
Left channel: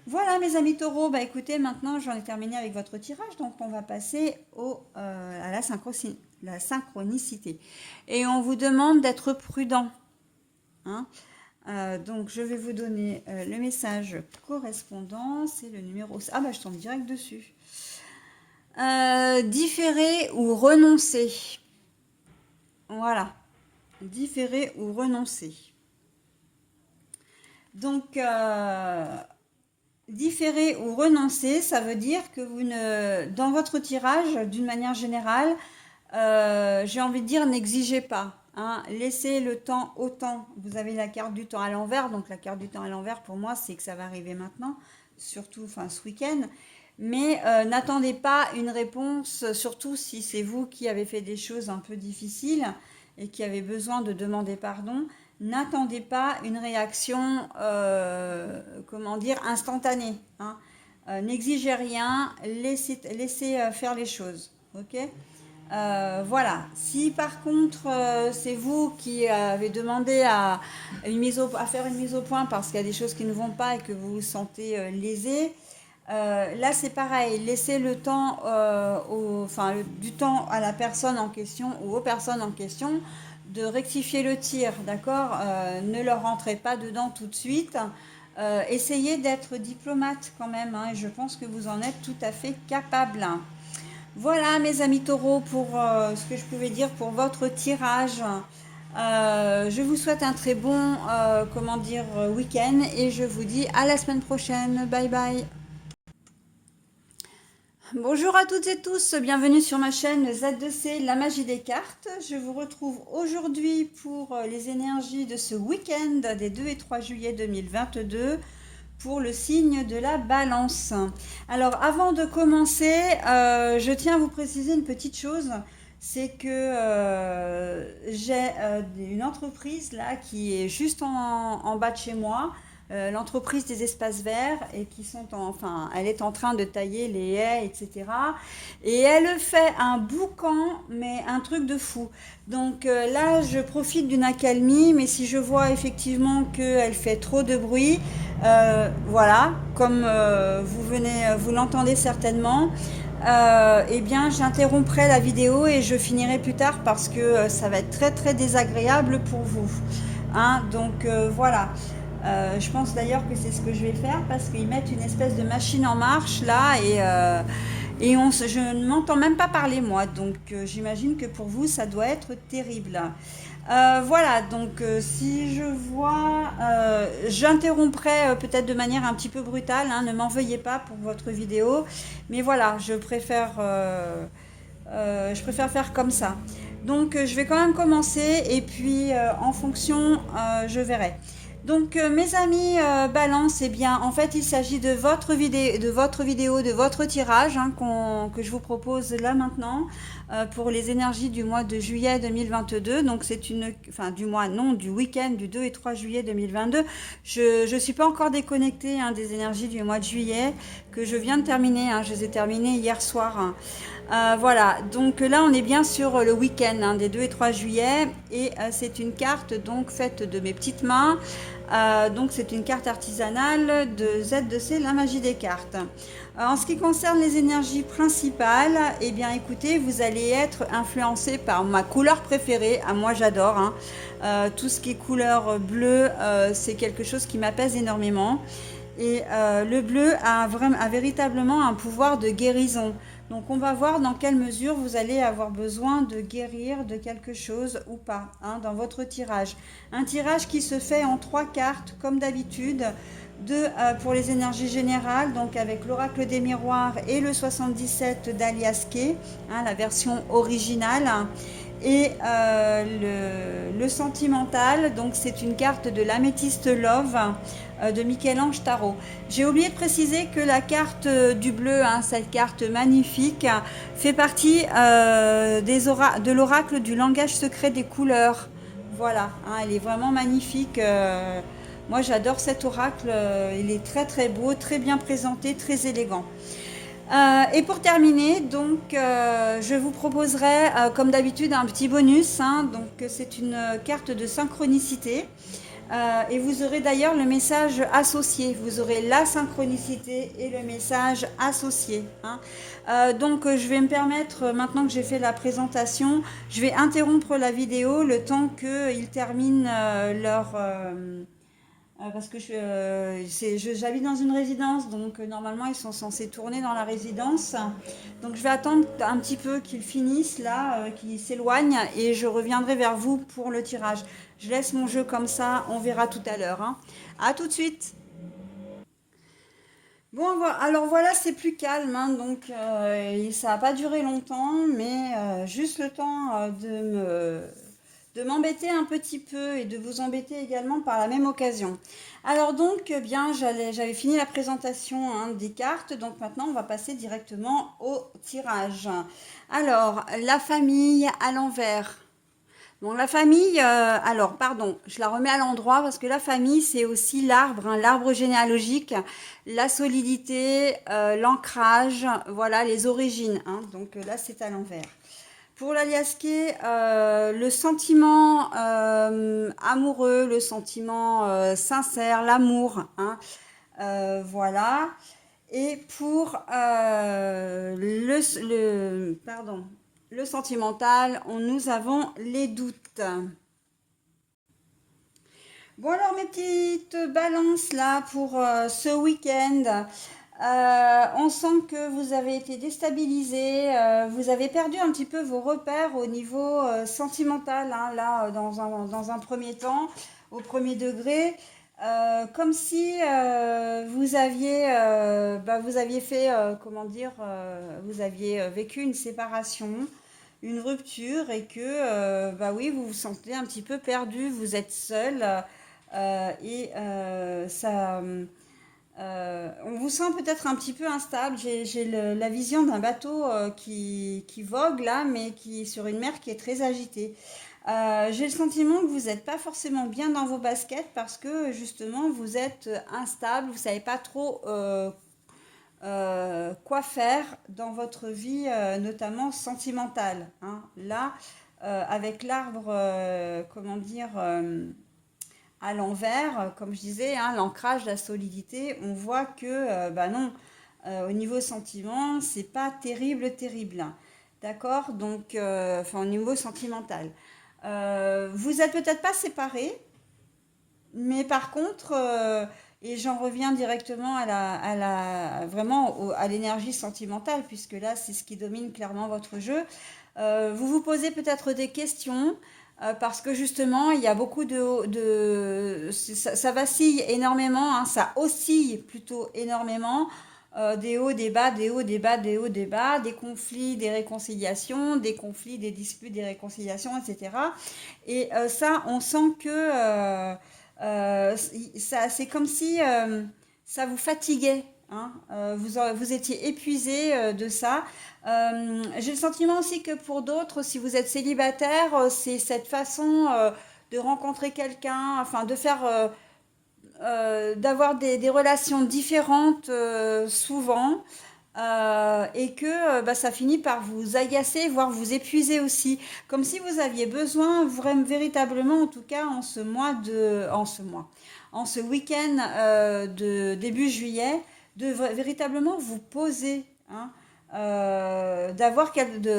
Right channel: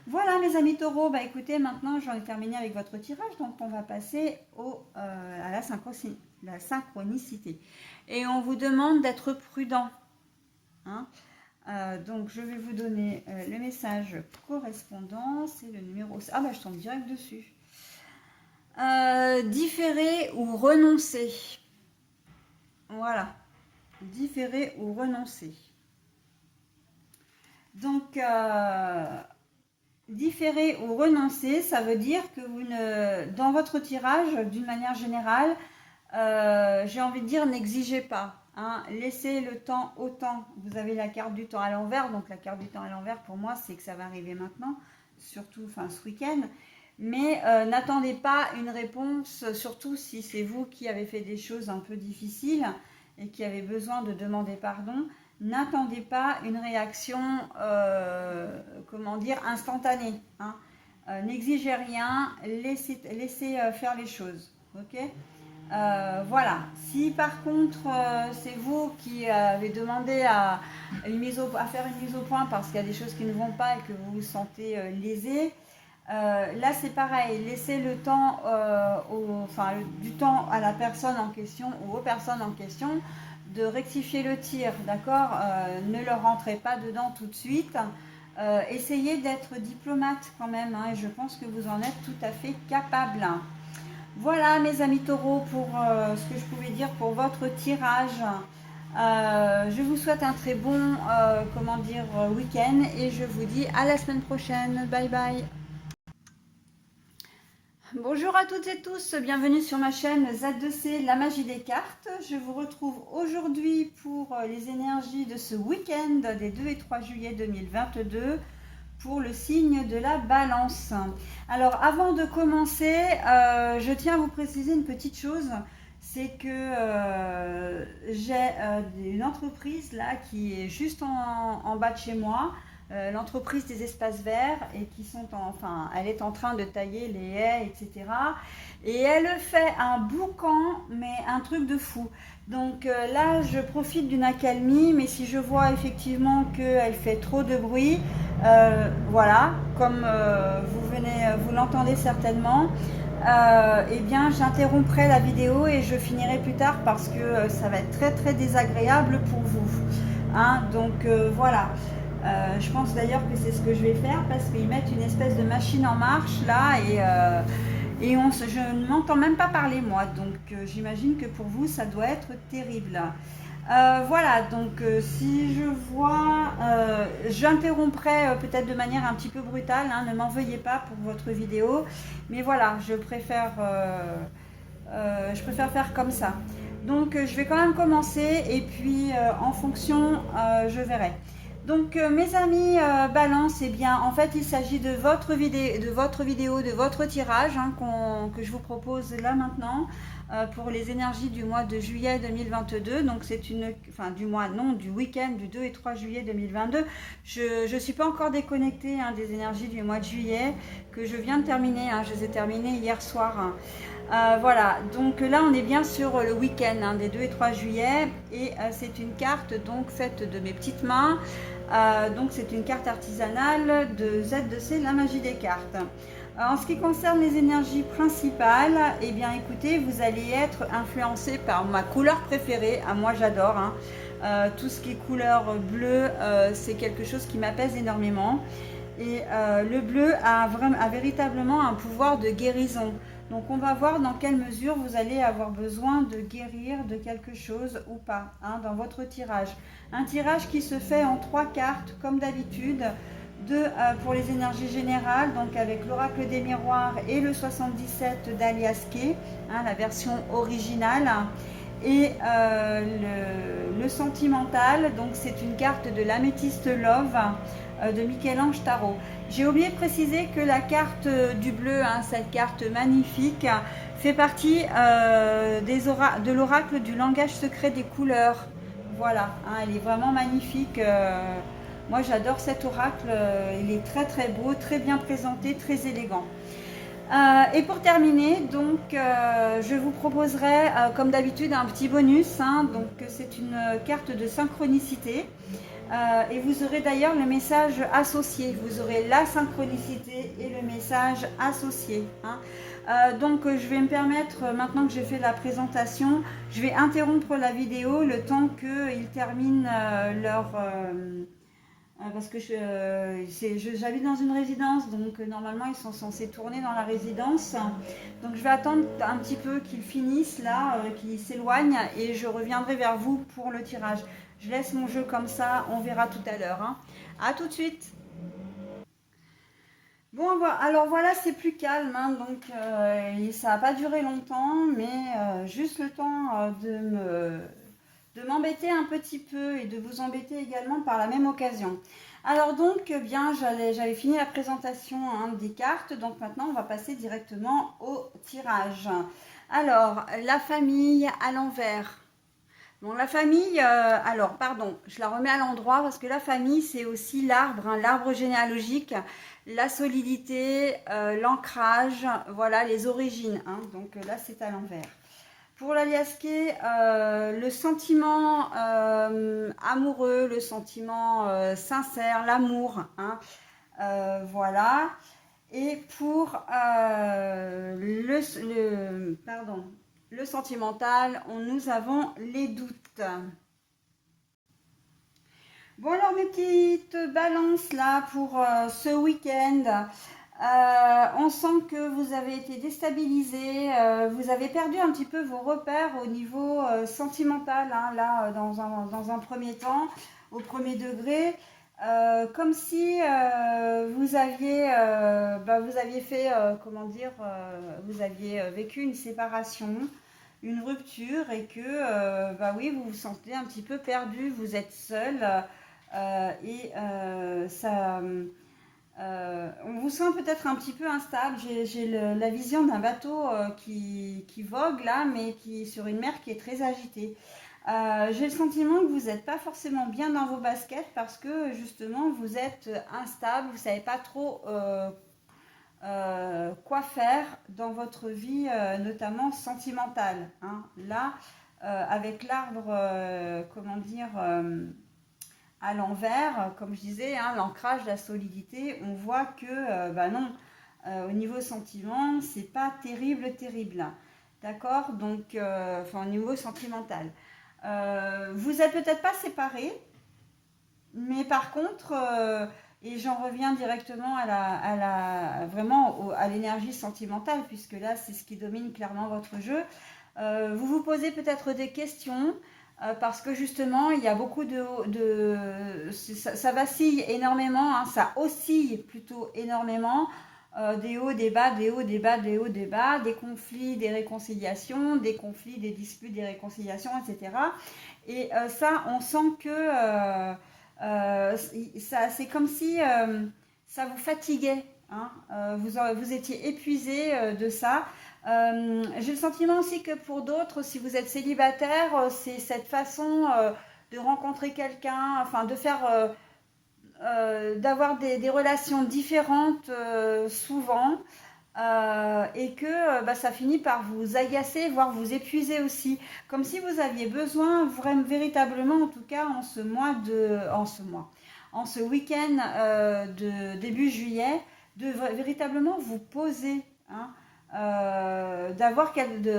Voilà mes amis taureaux, bah écoutez, maintenant j'en ai terminé avec votre tirage, donc on va passer à la synchronicité. Et on vous demande d'être prudent. Hein. Donc je vais vous donner le message correspondant, c'est le numéro... Ah bah je tombe direct dessus. Différer ou renoncer. Voilà. Différer ou renoncer. Donc... différer ou renoncer, ça veut dire que dans votre tirage, d'une manière générale, j'ai envie de dire, n'exigez pas. Hein, laissez le temps au temps. Vous avez la carte du temps à l'envers, donc la carte du temps à l'envers, pour moi, c'est que ça va arriver maintenant, surtout ce week-end. Mais n'attendez pas une réponse, surtout si c'est vous qui avez fait des choses un peu difficiles et qui avez besoin de demander pardon. N'attendez pas une réaction, comment dire, instantanée. Hein. N'exigez rien, laissez faire les choses. Ok. Voilà. Si par contre c'est vous qui avez demandé à faire une mise au point parce qu'il y a des choses qui ne vont pas et que vous vous sentez lésé, là c'est pareil. Laissez le temps, du temps à la personne en question ou aux personnes en question de rectifier le tir, d'accord. Ne leur rentrez pas dedans tout de suite. Essayez d'être diplomate quand même, hein, et je pense que vous en êtes tout à fait capable. Voilà mes amis taureaux pour ce que je pouvais dire pour votre tirage. Je vous souhaite un très bon week-end et je vous dis à la semaine prochaine. Bye bye. Bonjour à toutes et tous, bienvenue sur ma chaîne Z2C, la magie des cartes. Je vous retrouve aujourd'hui pour les énergies de ce week-end des 2 et 3 juillet 2022 pour le signe de la balance. Alors avant de commencer, je tiens à vous préciser une petite chose, c'est que j'ai une entreprise là qui est juste en bas de chez moi. L'entreprise des espaces verts et elle est en train de tailler les haies, etc. Et elle fait un boucan, mais un truc de fou. Donc là, je profite d'une accalmie, mais si je vois effectivement qu'elle fait trop de bruit, voilà, comme vous l'entendez certainement, eh bien j'interromprai la vidéo et je finirai plus tard parce que ça va être très très désagréable pour vous. Hein, donc voilà. Je pense d'ailleurs que c'est ce que je vais faire parce qu'ils mettent une espèce de machine en marche là et je ne m'entends même pas parler moi. Donc j'imagine que pour vous ça doit être terrible. Voilà, donc si je vois, j'interromprai peut-être de manière un petit peu brutale, hein, ne m'en veuillez pas pour votre vidéo, mais voilà, je préfère faire comme ça. Donc je vais quand même commencer et puis en fonction, je verrai. Donc mes amis Balance, eh bien en fait il s'agit de votre tirage hein, que je vous propose là maintenant pour les énergies du mois de juillet 2022. Donc c'est enfin du mois non, du week-end du 2 et 3 juillet 2022. Je ne suis pas encore déconnectée hein, des énergies du mois de juillet que je viens de terminer. Hein, je les ai terminées hier soir. Hein. Voilà, donc là on est bien sur le week-end hein, des 2 et 3 juillet et c'est une carte donc faite de mes petites mains. Donc c'est une carte artisanale de Z2C, la magie des cartes. En ce qui concerne les énergies principales, eh bien écoutez, vous allez être influencé par ma couleur préférée. Ah, moi j'adore, hein. Tout ce qui est couleur bleue, c'est quelque chose qui m'apaise énormément. Et le bleu a véritablement un pouvoir de guérison. Donc on va voir dans quelle mesure vous allez avoir besoin de guérir de quelque chose ou pas hein, dans votre tirage. Un tirage qui se fait en 3 cartes comme d'habitude. Deux pour les énergies générales, donc avec l'oracle des miroirs et le 77 d'Alias Kay, hein, la version originale. Et le sentimental, donc c'est une carte de l'améthyste Love de Michel-Ange Tarot. J'ai oublié de préciser que la carte du bleu, hein, cette carte magnifique, fait partie de l'oracle du langage secret des couleurs. Voilà, hein, elle est vraiment magnifique. Moi j'adore cet oracle, il est très très beau, très bien présenté, très élégant. Et pour terminer, donc, je vous proposerai, comme d'habitude, un petit bonus. Hein, donc, c'est une carte de synchronicité. Et vous aurez d'ailleurs le message associé. Vous aurez la synchronicité et le message associé. Hein. Donc, je vais me permettre, maintenant que j'ai fait la présentation, je vais interrompre la vidéo le temps qu'ils terminent parce que j'habite dans une résidence, donc normalement ils sont censés tourner dans la résidence. Donc je vais attendre un petit peu qu'ils finissent là, qu'ils s'éloignent et je reviendrai vers vous pour le tirage. Je laisse mon jeu comme ça, on verra tout à l'heure. Hein. À tout de suite. Bon, alors voilà, c'est plus calme, hein, donc ça n'a pas duré longtemps, mais juste le temps de m'embêter un petit peu et de vous embêter également par la même occasion. Alors donc, bien, j'avais fini la présentation hein, des cartes, donc maintenant on va passer directement au tirage. Alors, la famille à l'envers. Bon, la famille, alors, pardon, je la remets à l'endroit parce que la famille, c'est aussi l'arbre, hein, l'arbre généalogique, la solidité, l'ancrage, voilà, les origines. Hein, donc là, c'est à l'envers. Pour l'Alias Kay, le sentiment amoureux, le sentiment sincère, l'amour, hein, voilà. Et pour le sentimental, nous avons les doutes. Bon alors mes petites balances là pour ce week-end. On sent que vous avez été déstabilisé, vous avez perdu un petit peu vos repères au niveau sentimental, hein, là dans un premier temps, au premier degré. Comme si vous aviez fait, comment dire, vous aviez vécu une séparation, une rupture et que, bah oui, vous vous sentez un petit peu perdu, vous êtes seul et on vous sent peut-être un petit peu instable. J'ai la vision d'un bateau qui vogue là, mais qui est sur une mer qui est très agitée. J'ai le sentiment que vous n'êtes pas forcément bien dans vos baskets parce que justement vous êtes instable, vous ne savez pas trop quoi faire dans votre vie, notamment sentimentale. Hein. Là, avec l'arbre, comment dire, à l'envers, comme je disais, hein, l'ancrage, la solidité, on voit que, bah non, au niveau sentiment, c'est pas terrible, terrible. D'accord? Donc, enfin, au niveau sentimental. Vous êtes peut-être pas séparés, mais par contre, et j'en reviens directement vraiment à l'énergie sentimentale, puisque là, c'est ce qui domine clairement votre jeu. Vous vous posez peut-être des questions, parce que justement, il y a beaucoup ça vacille énormément, hein, ça oscille plutôt énormément. Des hauts, des bas, des hauts, des bas, des hauts, des bas, des conflits, des réconciliations, des conflits, des disputes, des réconciliations, etc. Et ça, on sent que c'est comme si ça vous fatiguait. Hein. Vous étiez épuisé de ça. J'ai le sentiment aussi que pour d'autres, si vous êtes célibataire, c'est cette façon de rencontrer quelqu'un, enfin de faire, d'avoir des relations différentes souvent. Et que bah, ça finit par vous agacer, voire vous épuiser aussi. Comme si vous aviez besoin, véritablement, en tout cas en ce week-end de début juillet, de véritablement vous poser, hein,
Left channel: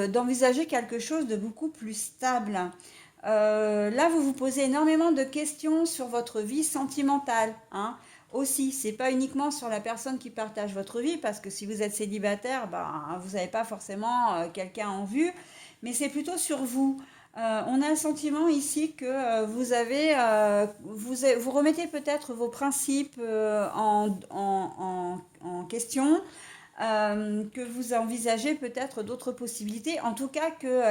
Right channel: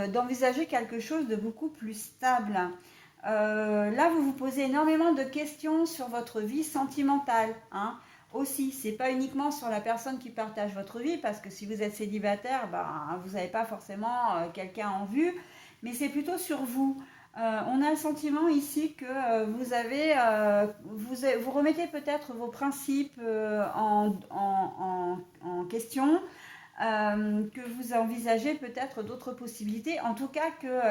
d'envisager quelque chose de beaucoup plus stable. Là, vous vous posez énormément de questions sur votre vie sentimentale, hein. Aussi, c'est pas uniquement sur la personne qui partage votre vie, parce que si vous êtes célibataire, ben, vous n'avez pas forcément quelqu'un en vue, mais c'est plutôt sur vous. On a le sentiment ici que vous remettez peut-être vos principes en question, que vous envisagez peut-être d'autres possibilités, en tout cas que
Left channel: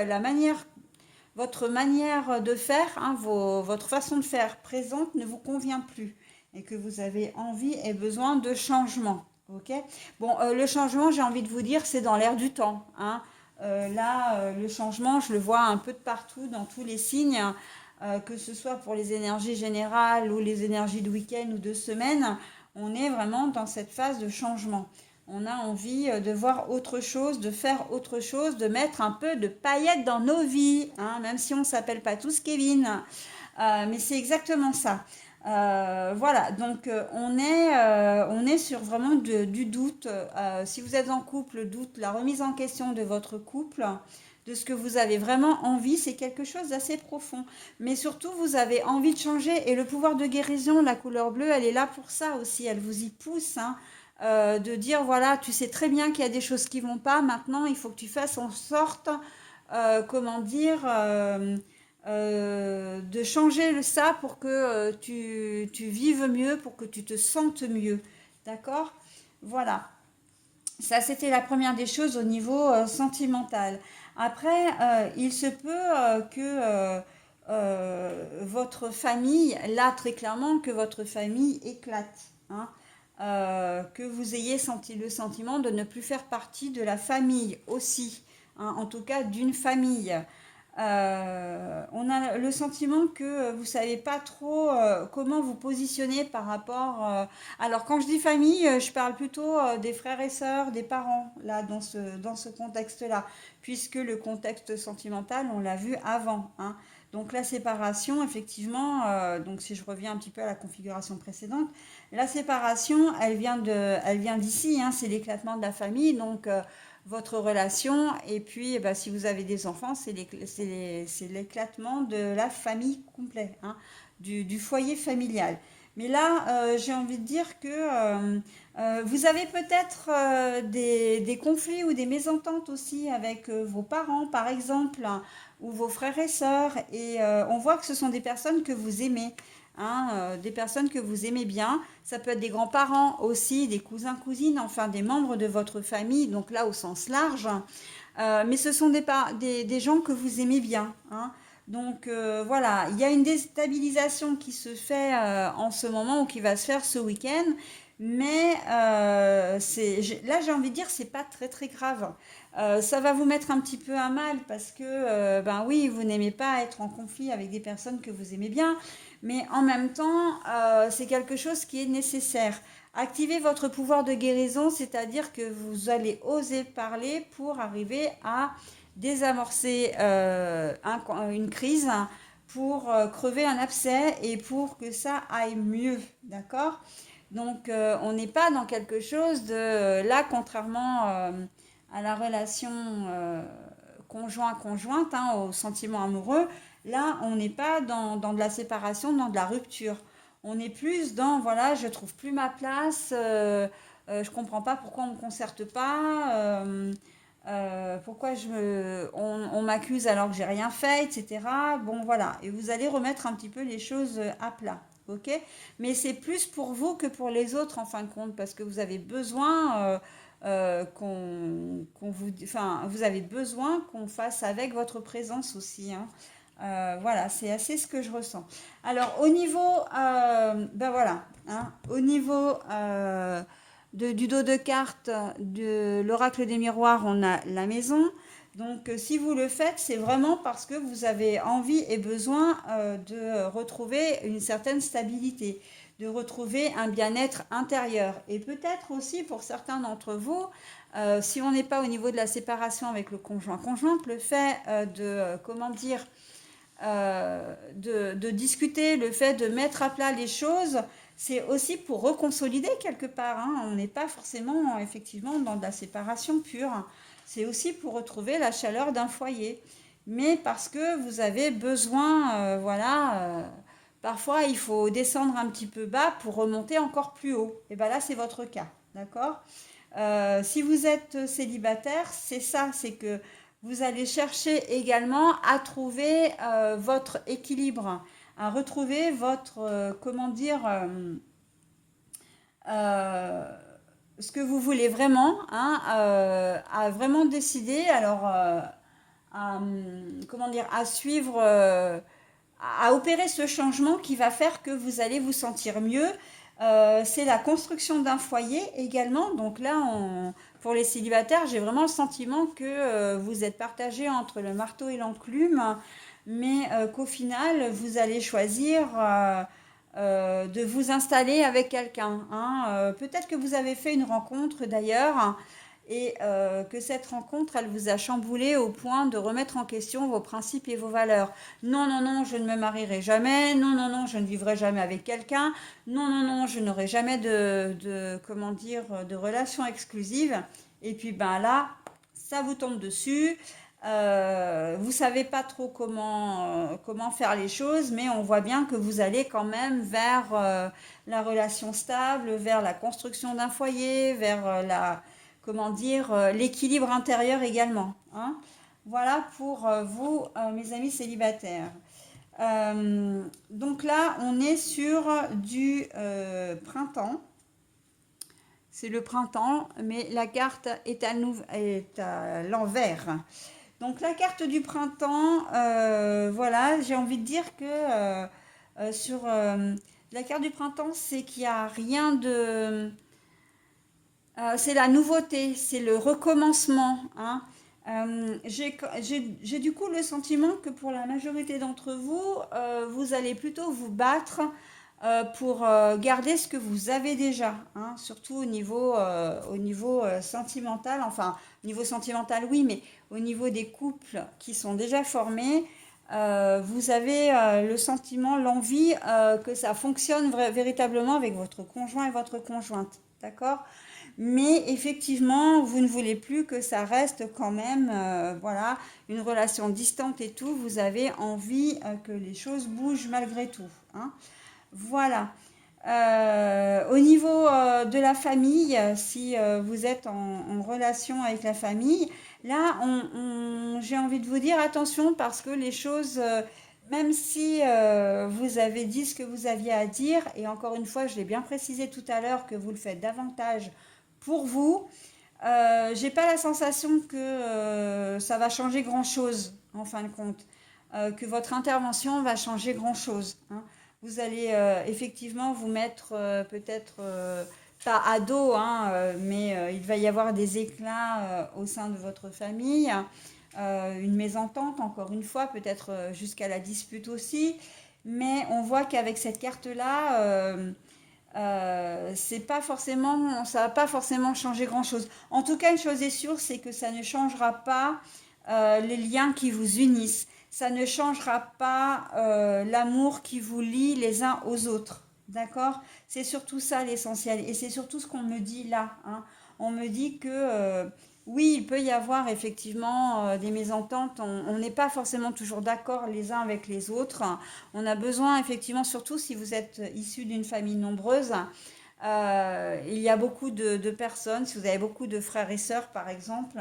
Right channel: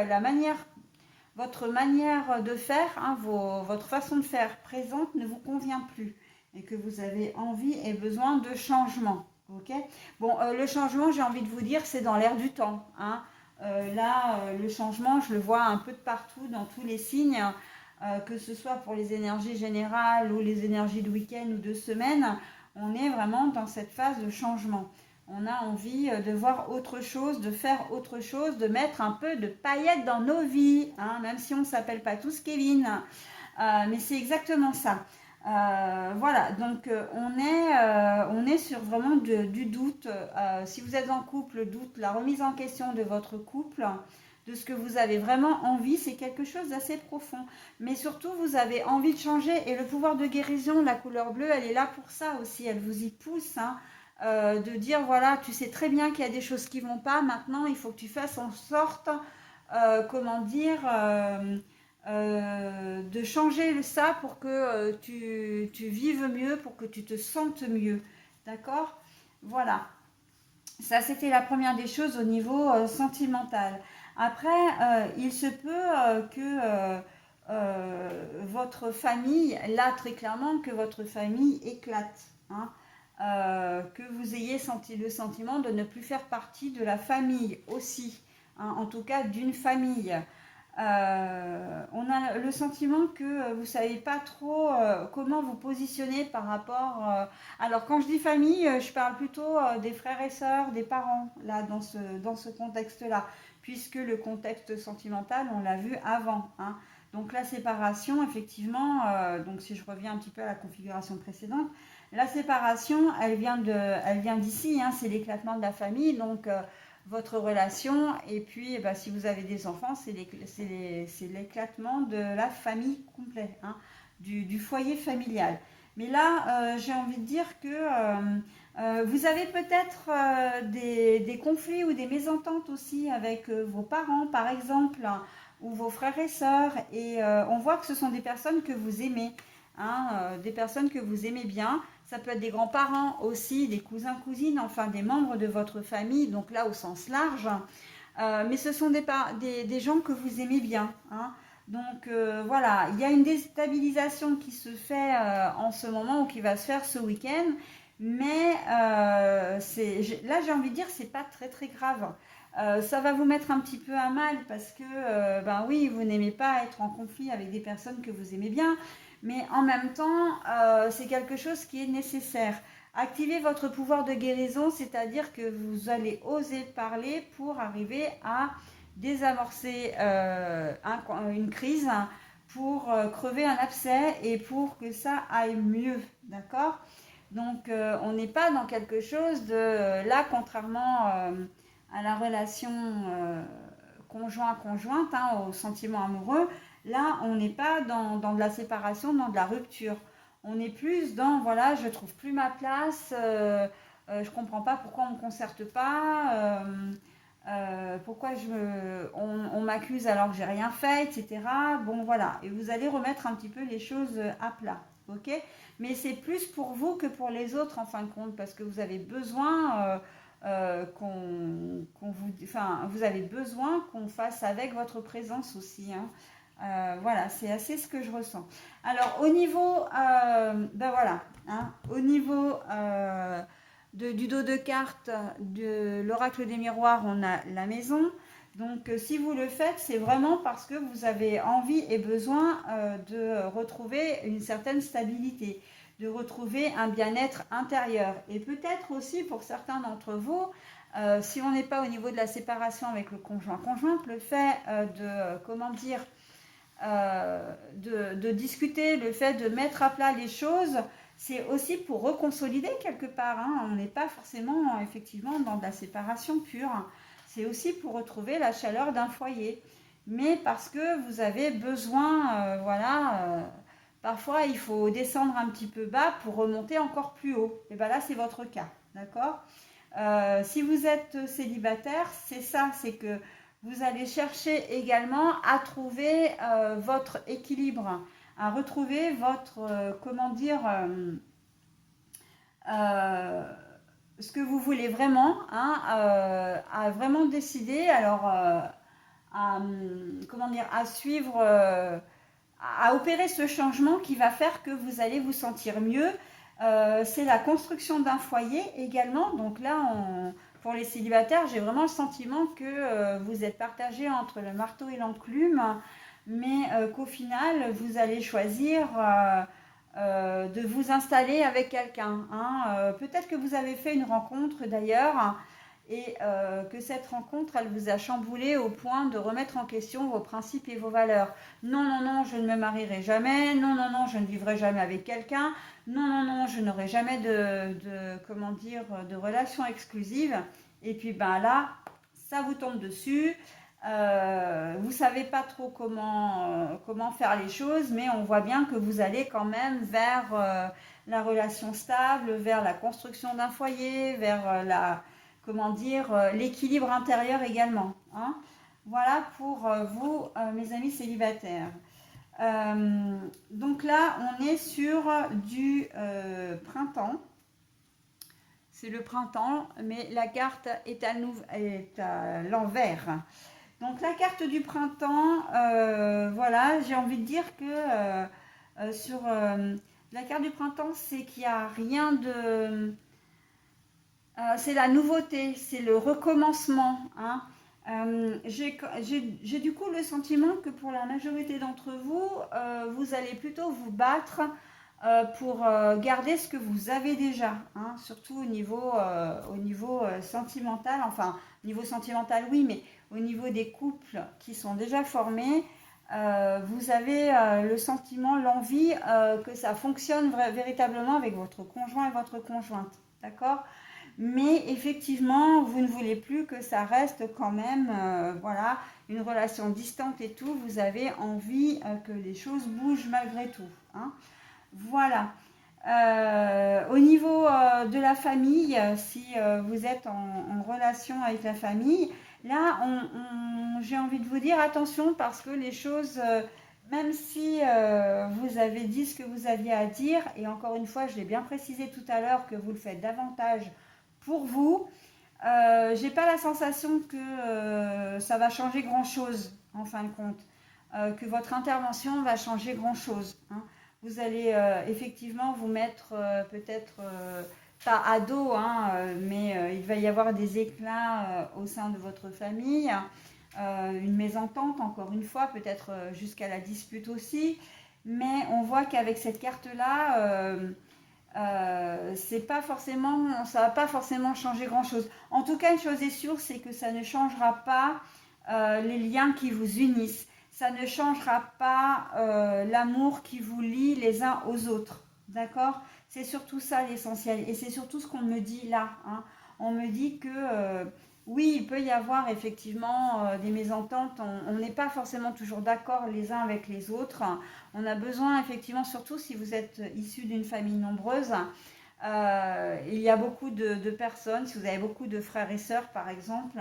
votre manière de faire, hein, votre façon de faire présente ne vous convient plus et que vous avez envie et besoin de changement. Ok. Bon, le changement, j'ai envie de vous dire, c'est dans l'air du temps. Hein. Le changement, je le vois un peu de partout, dans tous les signes, que ce soit pour les énergies générales ou les énergies de week-end ou de semaine. On est vraiment dans cette phase de changement. On a envie de voir autre chose, de faire autre chose, de mettre un peu de paillettes dans nos vies, hein, même si on ne s'appelle pas tous Kevin. Mais c'est exactement ça. Voilà, donc on est sur vraiment du doute. Si vous êtes en couple, doute, la remise en question de votre couple, de ce que vous avez vraiment envie, c'est quelque chose d'assez profond. Mais surtout, vous avez envie de changer et le pouvoir de guérison, la couleur bleue, elle est là pour ça aussi. Elle vous y pousse, hein, de dire voilà, tu sais très bien qu'il y a des choses qui vont pas. Maintenant, il faut que tu fasses en sorte, comment dire. De changer ça pour que tu vives mieux, pour que tu te sentes mieux. D'accord. Voilà. Ça, c'était la première des choses au niveau sentimental. Après, il se peut votre famille, là très clairement, que votre famille éclate. Hein. Que vous ayez senti le sentiment de ne plus faire partie de la famille aussi. Hein, en tout cas, d'une famille. On a le sentiment que vous ne savez pas trop comment vous positionner par rapport. Alors, quand je dis famille, je parle plutôt des frères et sœurs, des parents, là, dans ce contexte-là, puisque le contexte sentimental, on l'a vu avant. Hein. Donc, la séparation, effectivement, donc si je reviens un petit peu à la configuration précédente, la séparation, elle vient d'ici, hein, c'est l'éclatement de la famille, donc votre relation, et puis bah, si vous avez des enfants, c'est l'éclatement de la famille complète, hein, du foyer familial. Mais là, j'ai envie de dire que vous avez peut-être des conflits ou des mésententes aussi avec vos parents, par exemple, hein, ou vos frères et sœurs, et on voit que ce sont des personnes que vous aimez. Hein, des personnes que vous aimez bien. Ça peut être des grands-parents aussi, des cousins, cousines, enfin des membres de votre famille, donc là au sens large. Mais ce sont des gens que vous aimez bien. Hein. Donc voilà, il y a une déstabilisation qui se fait en ce moment ou qui va se faire ce week-end. Mais là, j'ai envie de dire, c'est pas très très grave. Ça va vous mettre un petit peu à mal parce que, ben oui, vous n'aimez pas être en conflit avec des personnes que vous aimez bien, mais en même temps, c'est quelque chose qui est nécessaire. Activez votre pouvoir de guérison, c'est-à-dire que vous allez oser parler pour arriver à désamorcer une crise, pour crever un abcès et pour que ça aille mieux, d'accord? Donc, on n'est pas dans quelque chose de... là, contrairement à la relation conjointe, hein, au sentiment amoureux, là, on n'est pas dans de la séparation, dans de la rupture. On est plus dans, voilà, je trouve plus ma place, je comprends pas pourquoi on me concerte pas, pourquoi on m'accuse alors que j'ai rien fait, etc. Bon, voilà. Et vous allez remettre un petit peu les choses à plat. Ok? Mais c'est plus pour vous que pour les autres en fin de compte, parce que vous avez besoin enfin, vous avez besoin qu'on fasse avec votre présence aussi, hein. Voilà, c'est assez ce que je ressens. Alors, au niveau, ben voilà, hein, au niveau du dos de cartes de l'oracle des miroirs, on a la maison. Donc, si vous le faites, c'est vraiment parce que vous avez envie et besoin de retrouver une certaine stabilité, de retrouver un bien-être intérieur. Et peut-être aussi pour certains d'entre vous, si on n'est pas au niveau de la séparation avec le conjointe, le fait comment dire, de discuter, le fait de mettre à plat les choses, c'est aussi pour reconsolider quelque part, hein. On n'est pas forcément effectivement dans de la séparation pure. C'est aussi pour retrouver la chaleur d'un foyer. Mais parce que vous avez besoin, voilà, parfois il faut descendre un petit peu bas pour remonter encore plus haut. Et bien là, c'est votre cas, d'accord? Si vous êtes célibataire, c'est ça, c'est que vous allez chercher également à trouver votre équilibre, à retrouver votre, comment dire, euh, ce que vous voulez vraiment, hein, à vraiment décider, alors, comment dire, à suivre, à opérer ce changement qui va faire que vous allez vous sentir mieux. C'est la construction d'un foyer également. Donc là, pour les célibataires, j'ai vraiment le sentiment que vous êtes partagé entre le marteau et l'enclume, mais qu'au final, vous allez choisir de vous installer avec quelqu'un, hein. Peut-être que vous avez fait une rencontre d'ailleurs et que cette rencontre, elle vous a chamboulé au point de remettre en question vos principes et vos valeurs. Non, non, non, je ne me marierai jamais. Non, non, non, je ne vivrai jamais avec quelqu'un. Non, non, non, je n'aurai jamais comment dire, de relation exclusive. Et puis, ben là, ça vous tombe dessus. Vous savez pas trop comment faire les choses, mais on voit bien que vous allez quand même vers la relation stable, vers la construction d'un foyer, vers comment dire, l'équilibre intérieur également, hein. Voilà pour vous, mes amis célibataires. Donc là, on est sur du printemps. C'est le printemps, mais la carte est à l'envers. Donc la carte du printemps, voilà, j'ai envie de dire que sur la carte du printemps, c'est qu'il n'y a rien de... c'est la nouveauté, c'est le recommencement, hein. J'ai du coup le sentiment que pour la majorité d'entre vous, vous allez plutôt vous battre pour garder ce que vous avez déjà, hein, surtout au niveau sentimental, enfin, niveau sentimental oui, mais au niveau des couples qui sont déjà formés, vous avez le sentiment, l'envie que ça fonctionne véritablement avec votre conjoint et votre conjointe, d'accord? Mais effectivement, vous ne voulez plus que ça reste quand même, voilà, une relation distante et tout. Vous avez envie que les choses bougent malgré tout, hein. Voilà. Au niveau de la famille, si vous êtes en relation avec la famille, là, j'ai envie de vous dire attention parce que les choses, même si vous avez dit ce que vous aviez à dire, et encore une fois, je l'ai bien précisé tout à l'heure que vous le faites davantage pour vous, j'ai pas la sensation que ça va changer grand-chose en fin de compte, que votre intervention va changer grand-chose, hein. Vous allez effectivement vous mettre peut-être pas à dos, hein, mais il va y avoir des éclats au sein de votre famille, une mésentente encore une fois, peut-être jusqu'à la dispute aussi, mais on voit qu'avec cette carte-là, c'est pas forcément, ça va pas forcément changer grand-chose. En tout cas, une chose est sûre, c'est que ça ne changera pas les liens qui vous unissent. Ça ne changera pas l'amour qui vous lie les uns aux autres. D'accord? C'est surtout ça l'essentiel. Et c'est surtout ce qu'on me dit là, hein. On me dit que oui, il peut y avoir effectivement des mésententes. On n'est pas forcément toujours d'accord les uns avec les autres. On a besoin effectivement, surtout si vous êtes issu d'une famille nombreuse, il y a beaucoup de personnes, si vous avez beaucoup de frères et sœurs par exemple,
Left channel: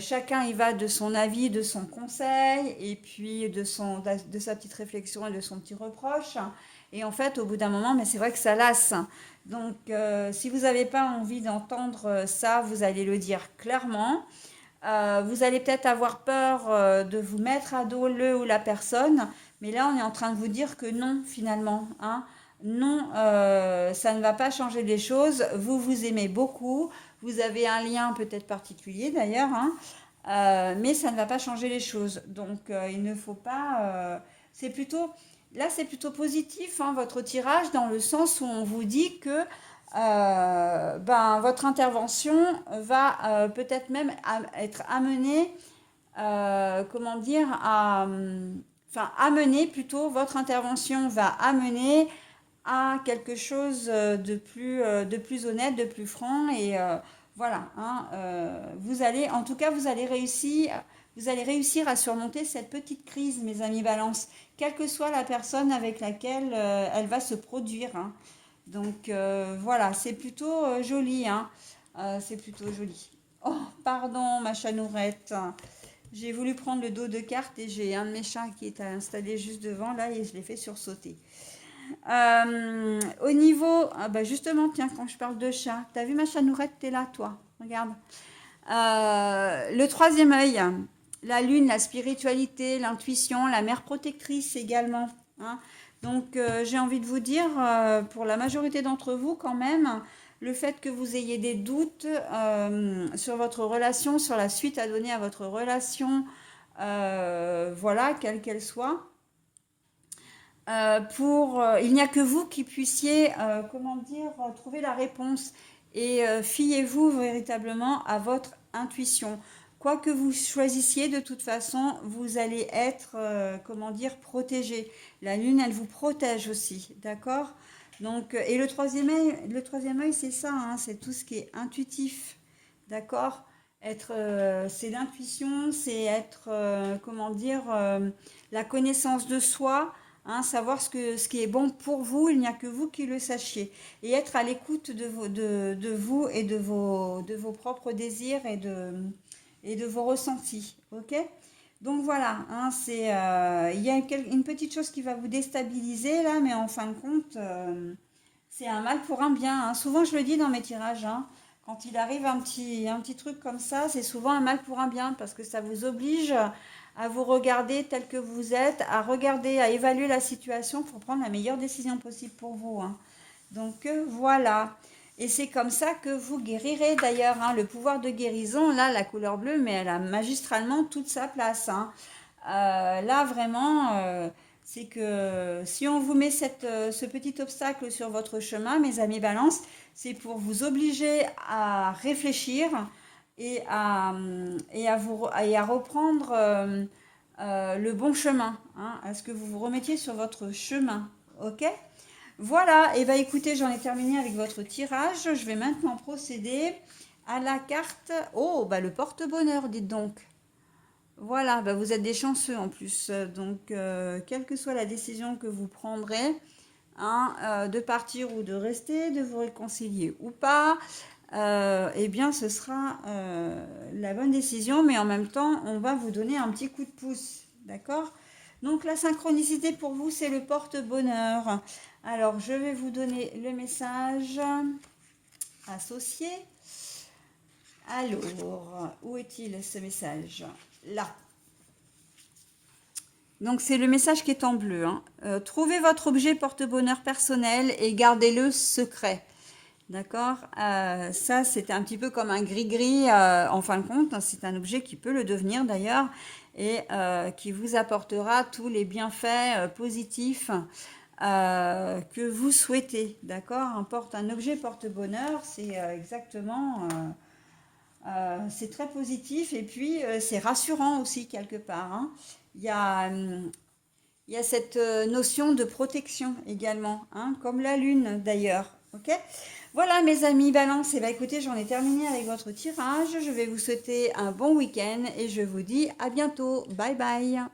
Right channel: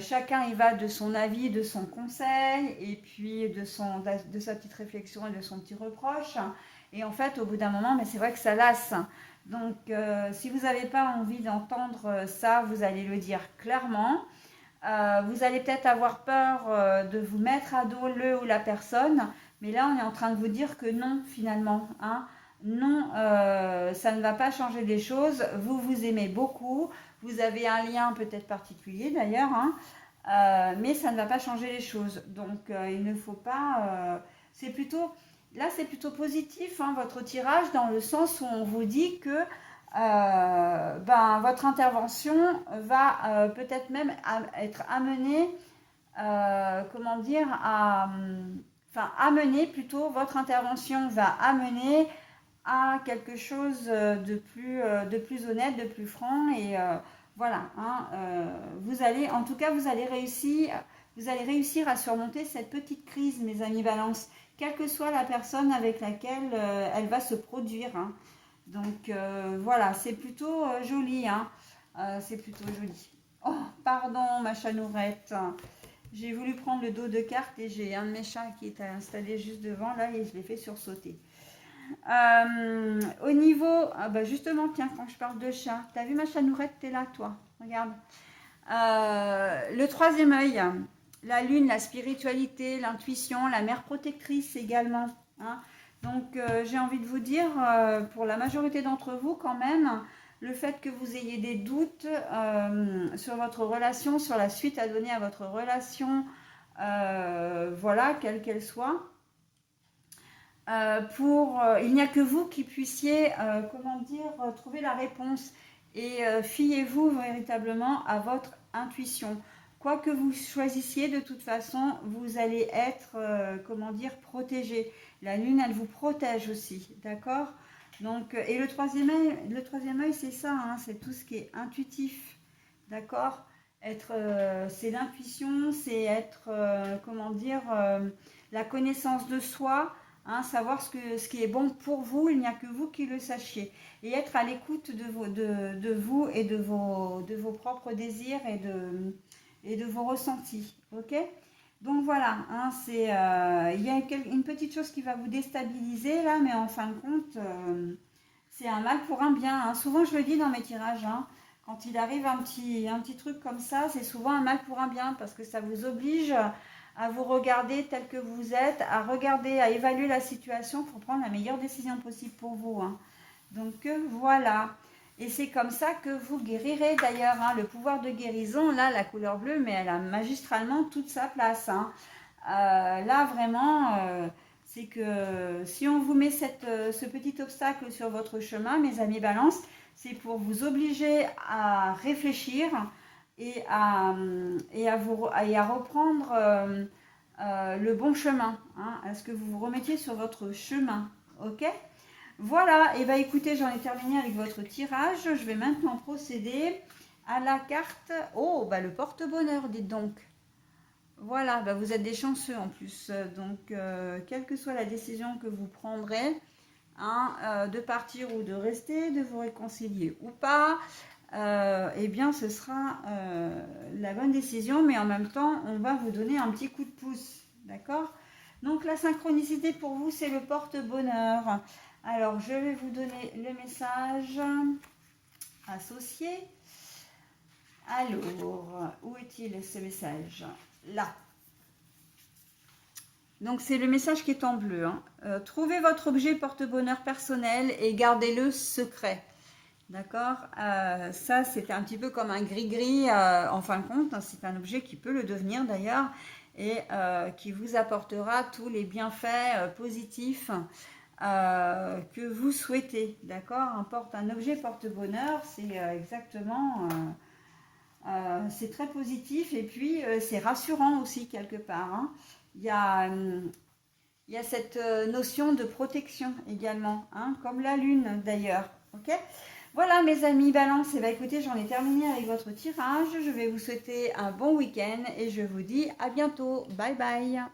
chacun y va de son avis, de son conseil, et puis de sa petite réflexion et de son petit reproche. Et en fait, au bout d'un moment, mais c'est vrai que ça lasse. Donc, si vous n'avez pas envie d'entendre ça, vous allez le dire clairement. Vous allez peut-être avoir peur de vous mettre à dos le ou la personne, mais là, on est en train de vous dire que non, finalement, hein. Non, ça ne va pas changer les choses. Vous vous aimez beaucoup. Vous avez un lien peut-être particulier d'ailleurs, hein, mais ça ne va pas changer les choses. Donc, il ne faut pas. C'est plutôt. Là, c'est plutôt positif, hein, votre tirage, dans le sens où on vous dit que ben, votre intervention va peut-être même être amenée, comment dire, enfin, amener plutôt, votre intervention va amener à quelque chose de plus honnête, de plus franc, et voilà, hein, vous allez, en tout cas, vous allez réussir à surmonter cette petite crise, mes amis Balance, quelle que soit la personne avec laquelle elle va se produire, hein. Donc voilà, c'est plutôt joli, hein. C'est plutôt joli. Oh, pardon, ma chanourette. J'ai voulu prendre le dos de carte et j'ai un de mes chats qui est installé juste devant là et je l'ai fait sursauter. Au niveau, ah bah justement, tiens, quand je parle de chat, t'as vu ma chanourette, t'es là, toi. Regarde. Le troisième œil, la lune, la spiritualité, l'intuition, la mère protectrice également, hein. Donc j'ai envie de vous dire, pour la majorité d'entre vous quand même, le fait que vous ayez des doutes sur votre relation, sur la suite à donner à votre relation, voilà, quelle qu'elle soit, il n'y a que vous qui puissiez, comment dire, trouver la réponse. Et fiez-vous véritablement à votre intuition. Quoi que vous choisissiez, de toute façon, vous allez être, comment dire, protégé. La lune, elle vous protège aussi, d'accord? Donc, et le troisième œil, c'est ça, hein, c'est tout ce qui est intuitif, d'accord? C'est l'intuition, c'est être, comment dire, la connaissance de soi, hein, savoir ce qui est bon pour vous, il n'y a que vous qui le sachiez. Et être à l'écoute de vous et de vos propres désirs et de vos ressentis. Ok? Donc voilà, hein, il y a une petite chose qui va vous déstabiliser là, mais en fin de compte, c'est un mal pour un bien, hein. Souvent, je le dis dans mes tirages, hein, quand il arrive un petit truc comme ça, c'est souvent un mal pour un bien parce que ça vous oblige à vous regarder tel que vous êtes, à regarder, à évaluer la situation pour prendre la meilleure décision possible pour vous, hein. Donc voilà. Et c'est comme ça que vous guérirez d'ailleurs, hein. Le pouvoir de guérison, là, la couleur bleue, mais elle a magistralement toute sa place, hein. Là, vraiment, c'est que si on vous met ce petit obstacle sur votre chemin, mes amis Balance, c'est pour vous obliger à réfléchir et à reprendre le bon chemin, hein. Est-ce que vous vous remettiez sur votre chemin? Ok? Voilà, et bien écoutez, j'en ai terminé avec votre tirage. Je vais maintenant procéder à la carte. Oh, bah le porte-bonheur, dites donc. Voilà, bah vous êtes des chanceux en plus. Donc, quelle que soit la décision que vous prendrez, hein, de partir ou de rester, de vous réconcilier ou pas, eh bien, ce sera la bonne décision. Mais en même temps, on va vous donner un petit coup de pouce. D'accord? Donc, la synchronicité pour vous, c'est le porte-bonheur. Alors, je vais vous donner le message associé. Alors, où est-il ce message? Là. Donc, c'est le message qui est en bleu, hein. Trouvez votre objet porte-bonheur personnel et gardez-le secret. D'accord? Ça, c'est un petit peu comme un gris-gris, en fin de compte. C'est un objet qui peut le devenir d'ailleurs et qui vous apportera tous les bienfaits positifs que vous souhaitez. D'accord? Un objet porte-bonheur, c'est exactement... c'est très positif et puis c'est rassurant aussi quelque part, hein. Il y a, il y a cette notion de protection également, hein, comme la lune d'ailleurs. Ok. Voilà mes amis Balance, et écoutez, j'en ai terminé avec votre tirage. Je vais vous souhaiter un bon week-end et je vous dis à bientôt. Bye bye.